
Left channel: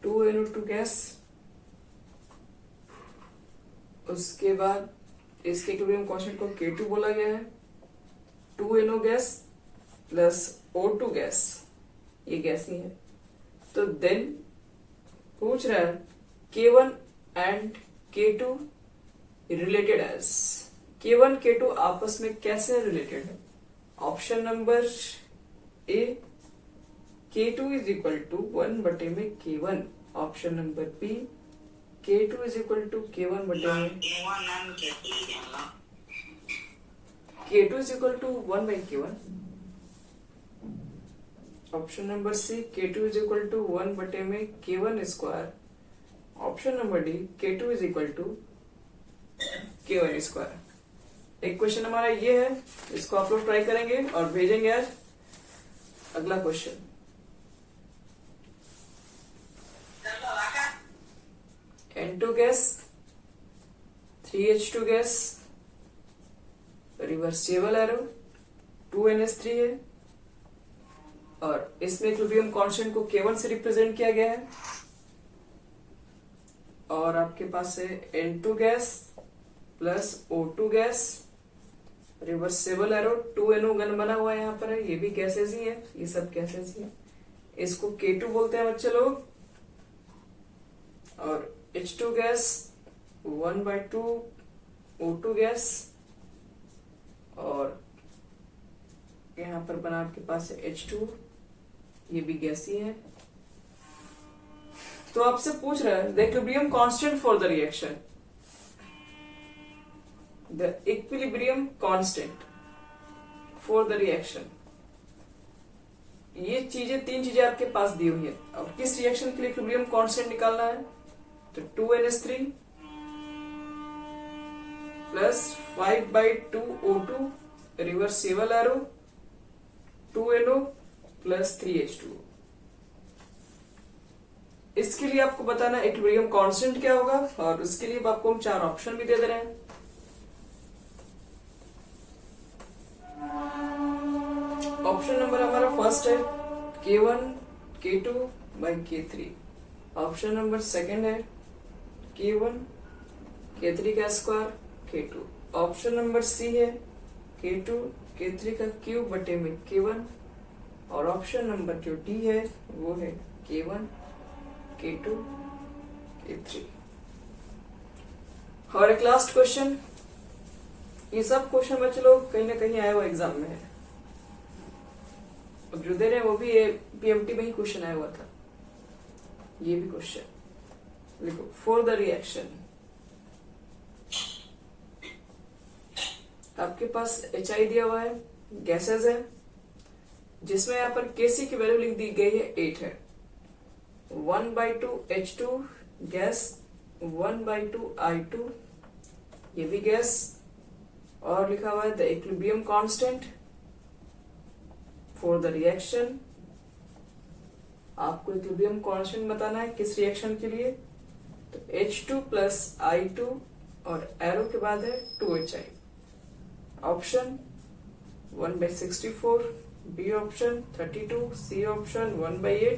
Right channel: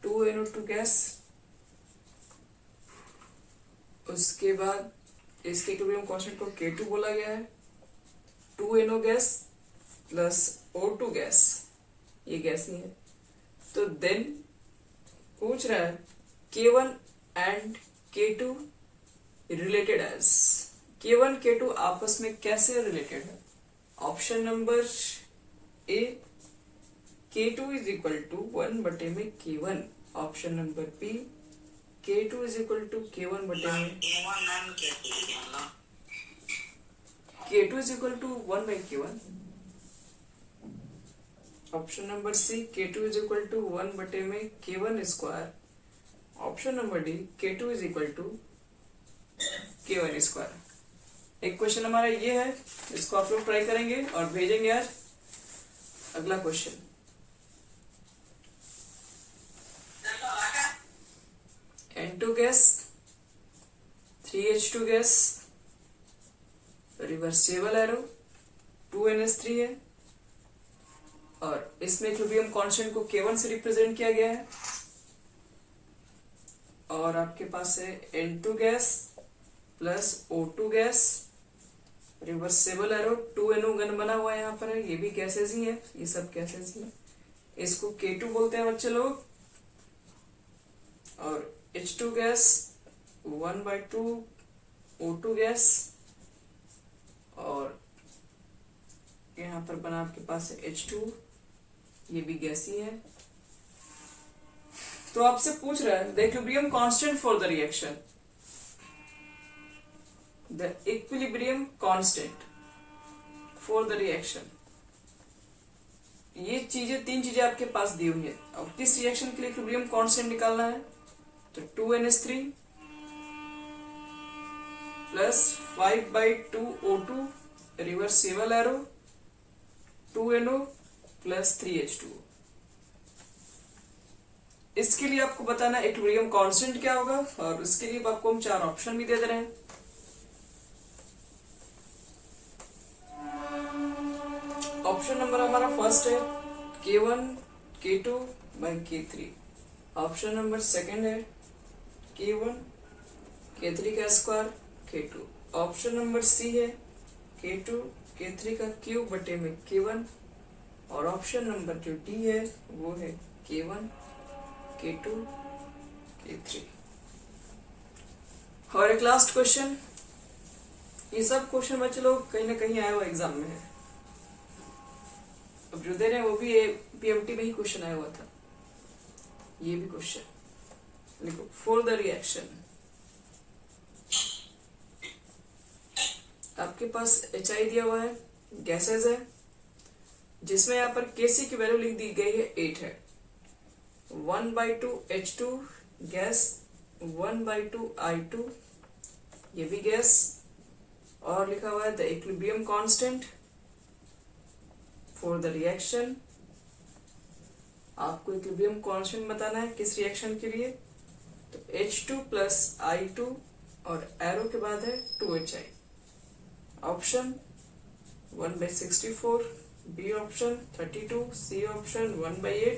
2NO2 gas. उसके बाद इसके इक्विलिब्रियम कांस्टेंट को K2 बोला गया है, 2NO gas plus O2 gas, ये गैस नहीं है। तो देन पूछ रहा है K1 and K2 related as, K1 K2 आपस में कैसे रिलेटेड है। Option number A K2 is equal to 1 बटे में K1, option number B K2 is equal to K1 बटे में K2 is equal to 1 by K1, option number C K2 is equal to 1 बटे में K1 square, option number D K2 is equal to K1 square. एक question हमारा ये है, इसको आप लोग ट्राई करेंगे और भेजेंगे आज। अगला question, N2 gas 3H2 gas, reversible arrow 2NH3 है और इसमें इक्विलिब्रियम कांस्टेंट को K1 से रिप्रेजेंट किया गया है। और आपके पास है N2 gas plus O2 gas, reversible arrow 2NO gun बना हुआ है यहाँ पर है, ये भी गैसेज ही है, ये सब गैसेज ही है। इसको K2 बोलते हैं बच्चे लोग। और H2 गैस 1/2 O2 गैस, और यहाँ पर बना आपके पास है H2, ये भी गैस ही है। तो आपसे पूछ रहा है the equilibrium constant for the reaction, the equilibrium constant for the reaction. ये चीजें, तीन चीजें आपके पास दी हुई है। अब किस रिएक्शन के लिए इक्विलिब्रियम कांस्टेंट निकालना है? तो 2NH3 plus 5/2O2 reversible arrow 2NO plus 3H2। इसके लिए आपको बताना इक्विलिब्रियम कांस्टेंट क्या होगा, और इसके लिए आपको हम 4 ऑप्शन भी दे दे रहे हैं। ऑप्शन नंबर हमारा फर्स्ट है K1 K2 by K3। Option number second है K1 K3 का square K2। Option number C है K2 K3 का क्यूब बटे में K1। और ऑप्शन नंबर जो डी है वो है K1 K2 K3। और एक लास्ट क्वेश्चन, ये सब क्वेश्चन बच्चे लोग कहीं ना कहीं आया हुआ एग्जाम में है। अब जो दे रहे हैं वो भी PMT में ही क्वेश्चन आया हुआ था। ये भी क्वेश्चन लिखो, फॉर द रिएक्शन आपके पास HI दिया हुआ है, गैसेज है, जिसमें यहाँ पर Kc की वैल्यू लिख दी गई है 8 है। 1/2 H2 गैस, 1/2 I2 ये भी गैस, और लिखा हुआ है the equilibrium constant for the reaction. आपको इक्विलिब्रियम कांस्टेंट बताना है किस रिएक्शन के लिए? तो H2 प्लस I2 और एरो के बाद है 2HI। Option 1/64, B option 32, C option 1/8,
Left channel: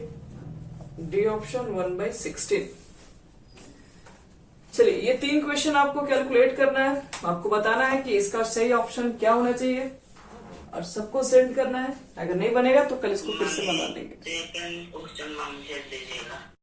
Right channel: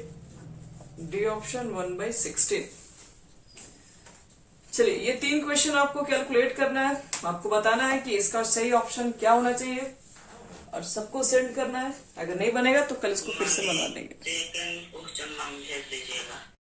D option 1/16। चलिए, ये 3 क्वेश्चन आपको कैलकुलेट करना है। आपको बताना है कि इसका सही ऑप्शन क्या होना चाहिए, और सबको सेंड करना है। अगर नहीं बनेगा तो कल इसको फिर से बना देंगे।